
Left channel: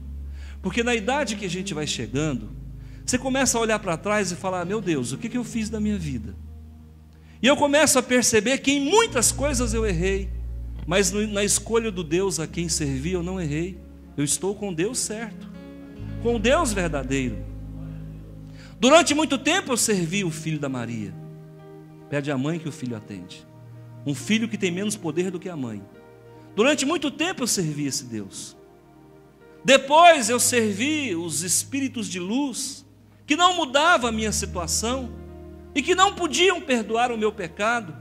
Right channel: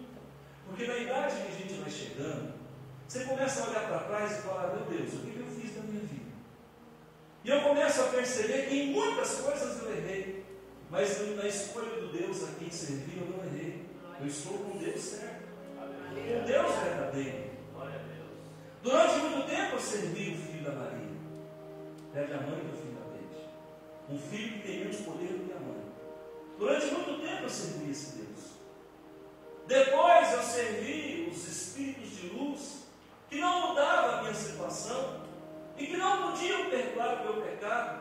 Porque na idade que a gente vai chegando, você começa a olhar para trás e falar: meu Deus, o que eu fiz da minha vida? E eu começo a perceber que em muitas coisas eu errei, mas na escolha do Deus a quem servi eu não errei. Eu estou com Deus certo, com Deus verdadeiro. Durante muito tempo eu servi o filho da Maria. Pede a mãe que o filho atende. Um filho que tem menos poder do que a mãe. Durante muito tempo eu servi esse Deus. Depois eu servi os espíritos de luz, que não mudavam a minha situação e que não podiam perdoar o meu pecado.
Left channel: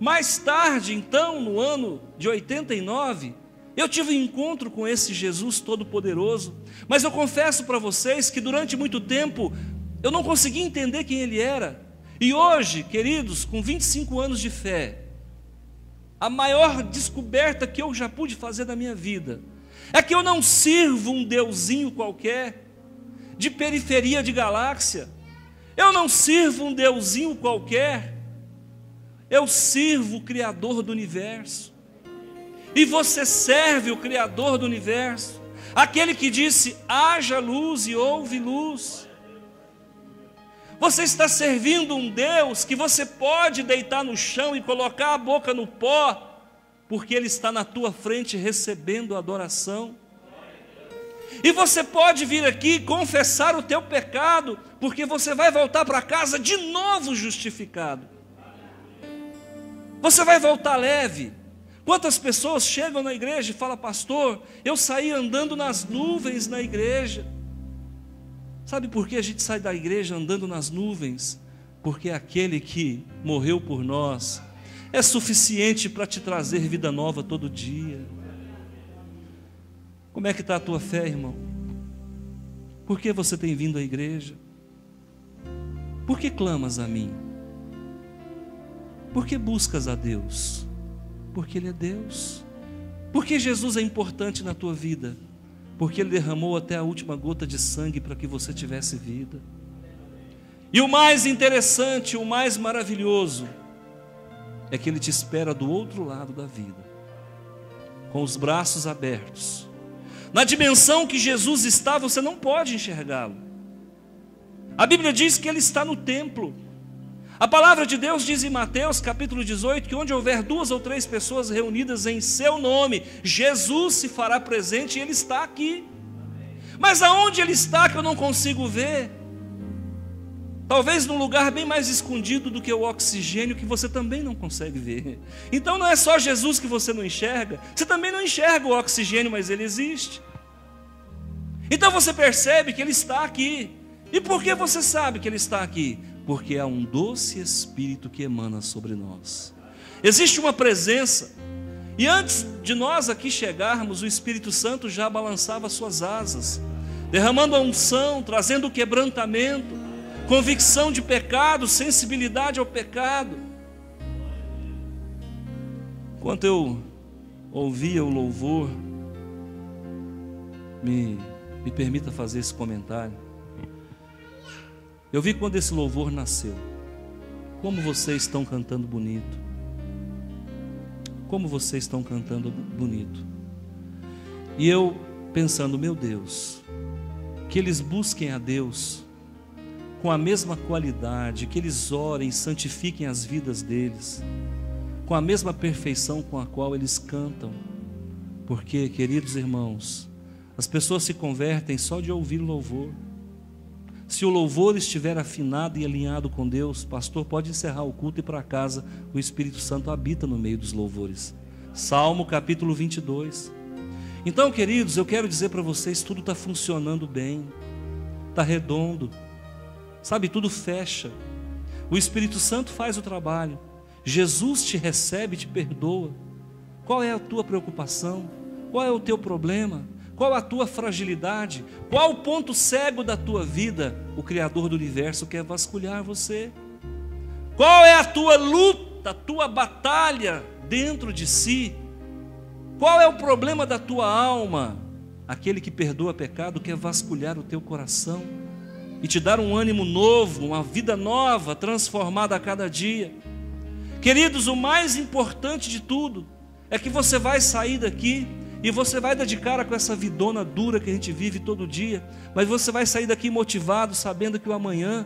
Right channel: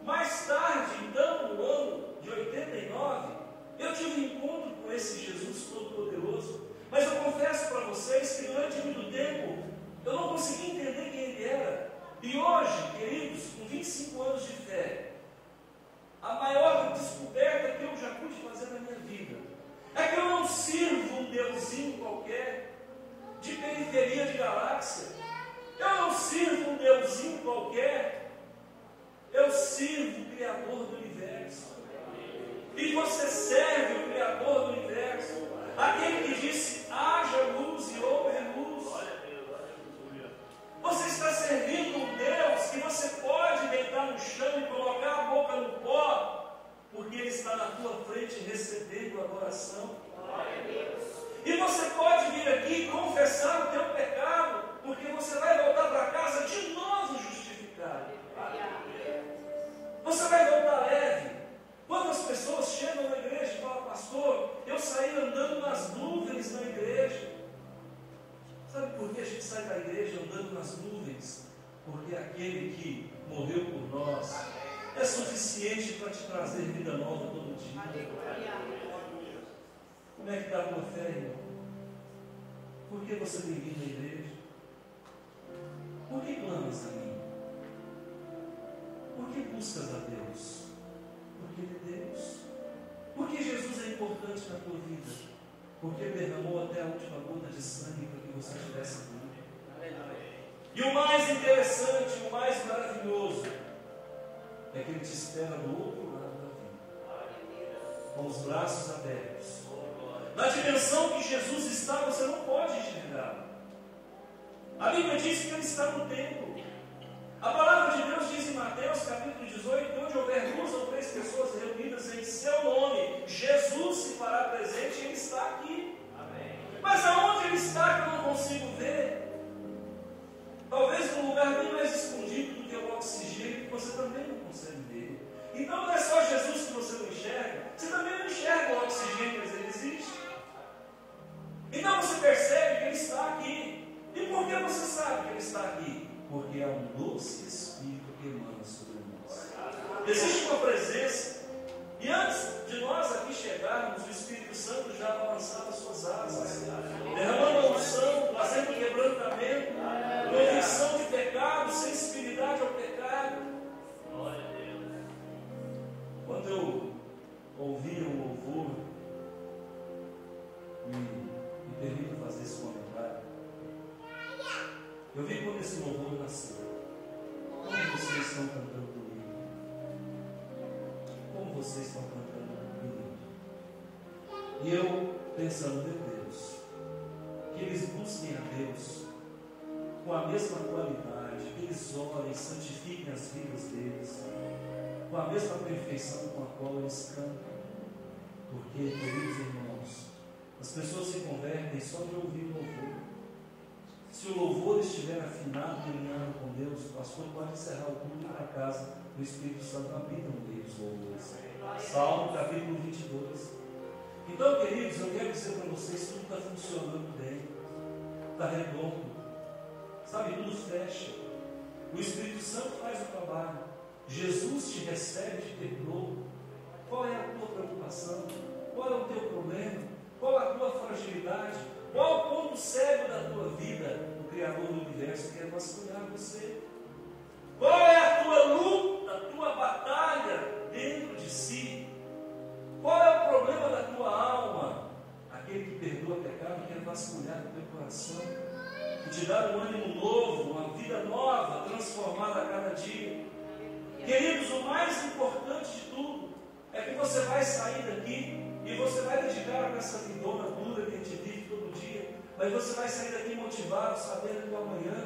Mais tarde, então, no ano de 89, eu tive um encontro com esse Jesus Todo-Poderoso. Mas eu confesso para vocês que durante muito tempo eu não consegui entender quem Ele era. E hoje, queridos, com 25 anos de fé, a maior descoberta que eu já pude fazer na minha vida é que eu não sirvo um deusinho qualquer, de periferia de galáxia. Eu não sirvo um deusinho qualquer. Eu sirvo o Criador do universo. E você serve o Criador do universo, aquele que disse: haja luz e houve luz. Você está servindo um Deus que você pode deitar no chão e colocar a boca no pó, porque Ele está na tua frente recebendo adoração. E você pode vir aqui confessar o teu pecado, porque você vai voltar para casa de novo justificado. Você vai voltar leve. Quantas pessoas chegam na igreja e falam: pastor, eu saí andando nas nuvens na igreja. Sabe por que a gente sai da igreja andando nas nuvens? Porque aquele que morreu por nós é suficiente para te trazer vida nova todo dia. Como é que está a tua fé, irmão? Por que você tem vindo à igreja? Por que clamas a mim? Por que buscas a Deus? Porque Ele é Deus. Por que Jesus é importante na tua vida? Porque Ele derramou até a última gota de sangue para que você tivesse vida. E o mais interessante, o mais maravilhoso, é que Ele te espera do outro lado da vida, com os braços abertos. Na dimensão que Jesus está, você não pode enxergá-lo. A Bíblia diz que Ele está no templo. A palavra de Deus diz em Mateus capítulo 18, que onde houver 2 ou 3 pessoas reunidas em seu nome, Jesus se fará presente e Ele está aqui. Mas aonde Ele está que eu não consigo ver? Talvez num lugar bem mais escondido do que o oxigênio, que você também não consegue ver. Então não é só Jesus que você não enxerga, você também não enxerga o oxigênio, mas Ele existe. Então você percebe que Ele está aqui. E por que você sabe que Ele está aqui? Porque há um doce Espírito que emana sobre nós. Existe uma presença. E antes de nós aqui chegarmos, o Espírito Santo já balançava suas asas, derramando a unção, trazendo o quebrantamento, convicção de pecado, sensibilidade ao pecado. Enquanto eu ouvia o louvor, me permita fazer esse comentário. Eu vi quando esse louvor nasceu, como vocês estão cantando bonito, como vocês estão cantando bonito. E eu pensando, meu Deus, que eles busquem a Deus com a mesma qualidade, que eles orem, santifiquem as vidas deles, com a mesma perfeição com a qual eles cantam. Porque, queridos irmãos, as pessoas se convertem só de ouvir louvor. Se o louvor estiver afinado e alinhado com Deus, pastor, pode encerrar o culto e ir para casa, o Espírito Santo habita no meio dos louvores. Salmo capítulo 22. Então, queridos, eu quero dizer para vocês, tudo está funcionando bem, está redondo, sabe, tudo fecha. O Espírito Santo faz o trabalho, Jesus te recebe, te perdoa. Qual é a tua preocupação? Qual é o teu problema? Qual a tua fragilidade? Qual o ponto cego da tua vida? O Criador do universo quer vasculhar você. Qual é a tua luta, a tua batalha dentro de si? Qual é o problema da tua alma? Aquele que perdoa pecado quer vasculhar o teu coração e te dar um ânimo novo, uma vida nova, transformada a cada dia. Queridos, o mais importante de tudo é que você vai sair daqui e você vai dar de cara com essa vidona dura que a gente vive todo dia, mas você vai sair daqui motivado, sabendo que o amanhã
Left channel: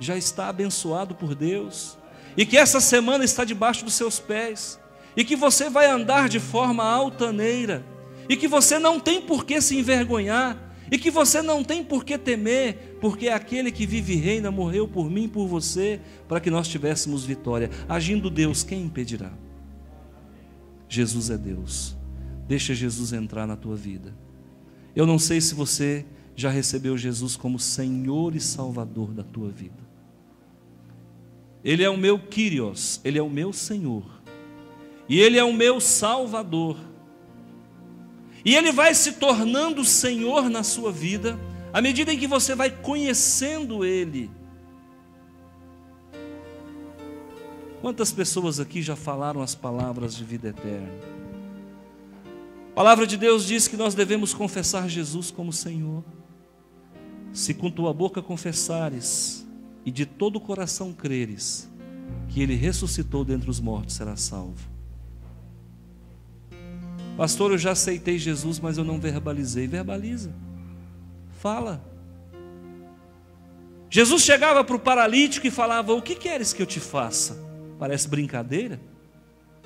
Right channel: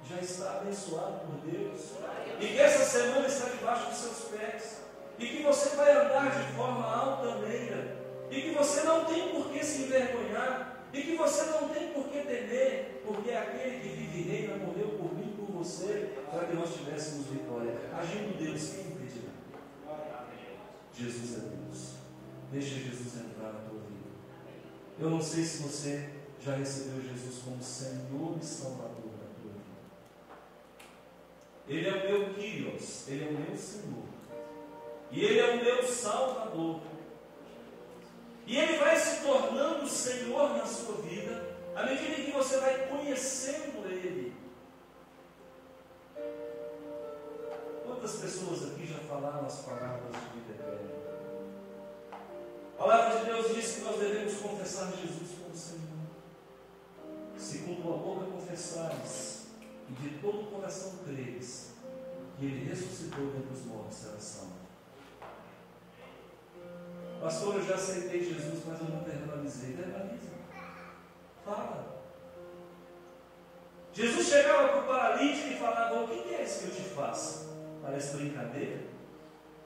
já está abençoado por Deus, e que essa semana está debaixo dos seus pés, e que você vai andar de forma altaneira, e que você não tem por que se envergonhar, e que você não tem por que temer, porque aquele que vive e reina morreu por mim e por você, para que nós tivéssemos vitória. Agindo Deus, quem impedirá? Jesus é Deus. Deixa Jesus entrar na tua vida. Eu não sei se você já recebeu Jesus como Senhor e Salvador da tua vida. Ele é o meu Kyrios, Ele é o meu Senhor, e Ele é o meu Salvador, e Ele vai se tornando Senhor na sua vida, à medida em que você vai conhecendo Ele. Quantas pessoas aqui já falaram as palavras de vida eterna? A palavra de Deus diz que nós devemos confessar Jesus como Senhor. Se com tua boca confessares e de todo o coração creres que Ele ressuscitou dentre os mortos, serás salvo. Pastor, eu já aceitei Jesus, mas eu não verbalizei. Verbaliza, fala. Jesus chegava para o paralítico e falava: o que queres que eu te faça? Parece brincadeira.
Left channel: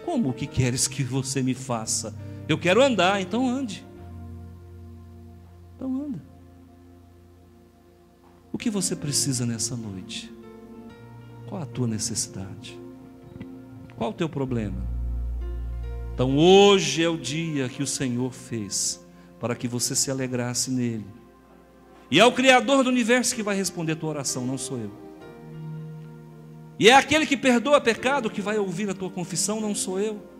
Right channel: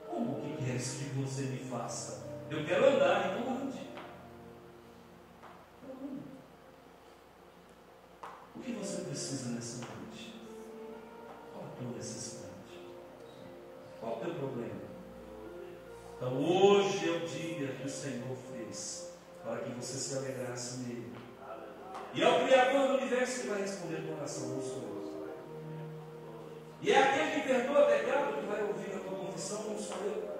Como o que queres que você me faça? Eu quero andar, então ande. Então anda. O que você precisa nessa noite? Qual a tua necessidade? Qual o teu problema? Então hoje é o dia que o Senhor fez para que você se alegrasse nele. E é o Criador do universo que vai responder a tua oração, não sou eu. E é aquele que perdoa pecado que vai ouvir a tua confissão, não sou eu.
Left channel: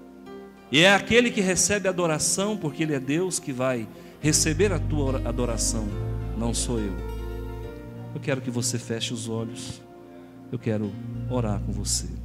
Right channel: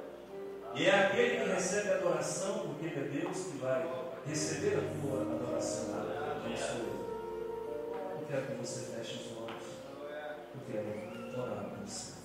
E é aquele que recebe adoração, porque Ele é Deus, que vai receber a tua adoração, não sou eu. Eu quero que você feche os olhos. eu quero orar com você.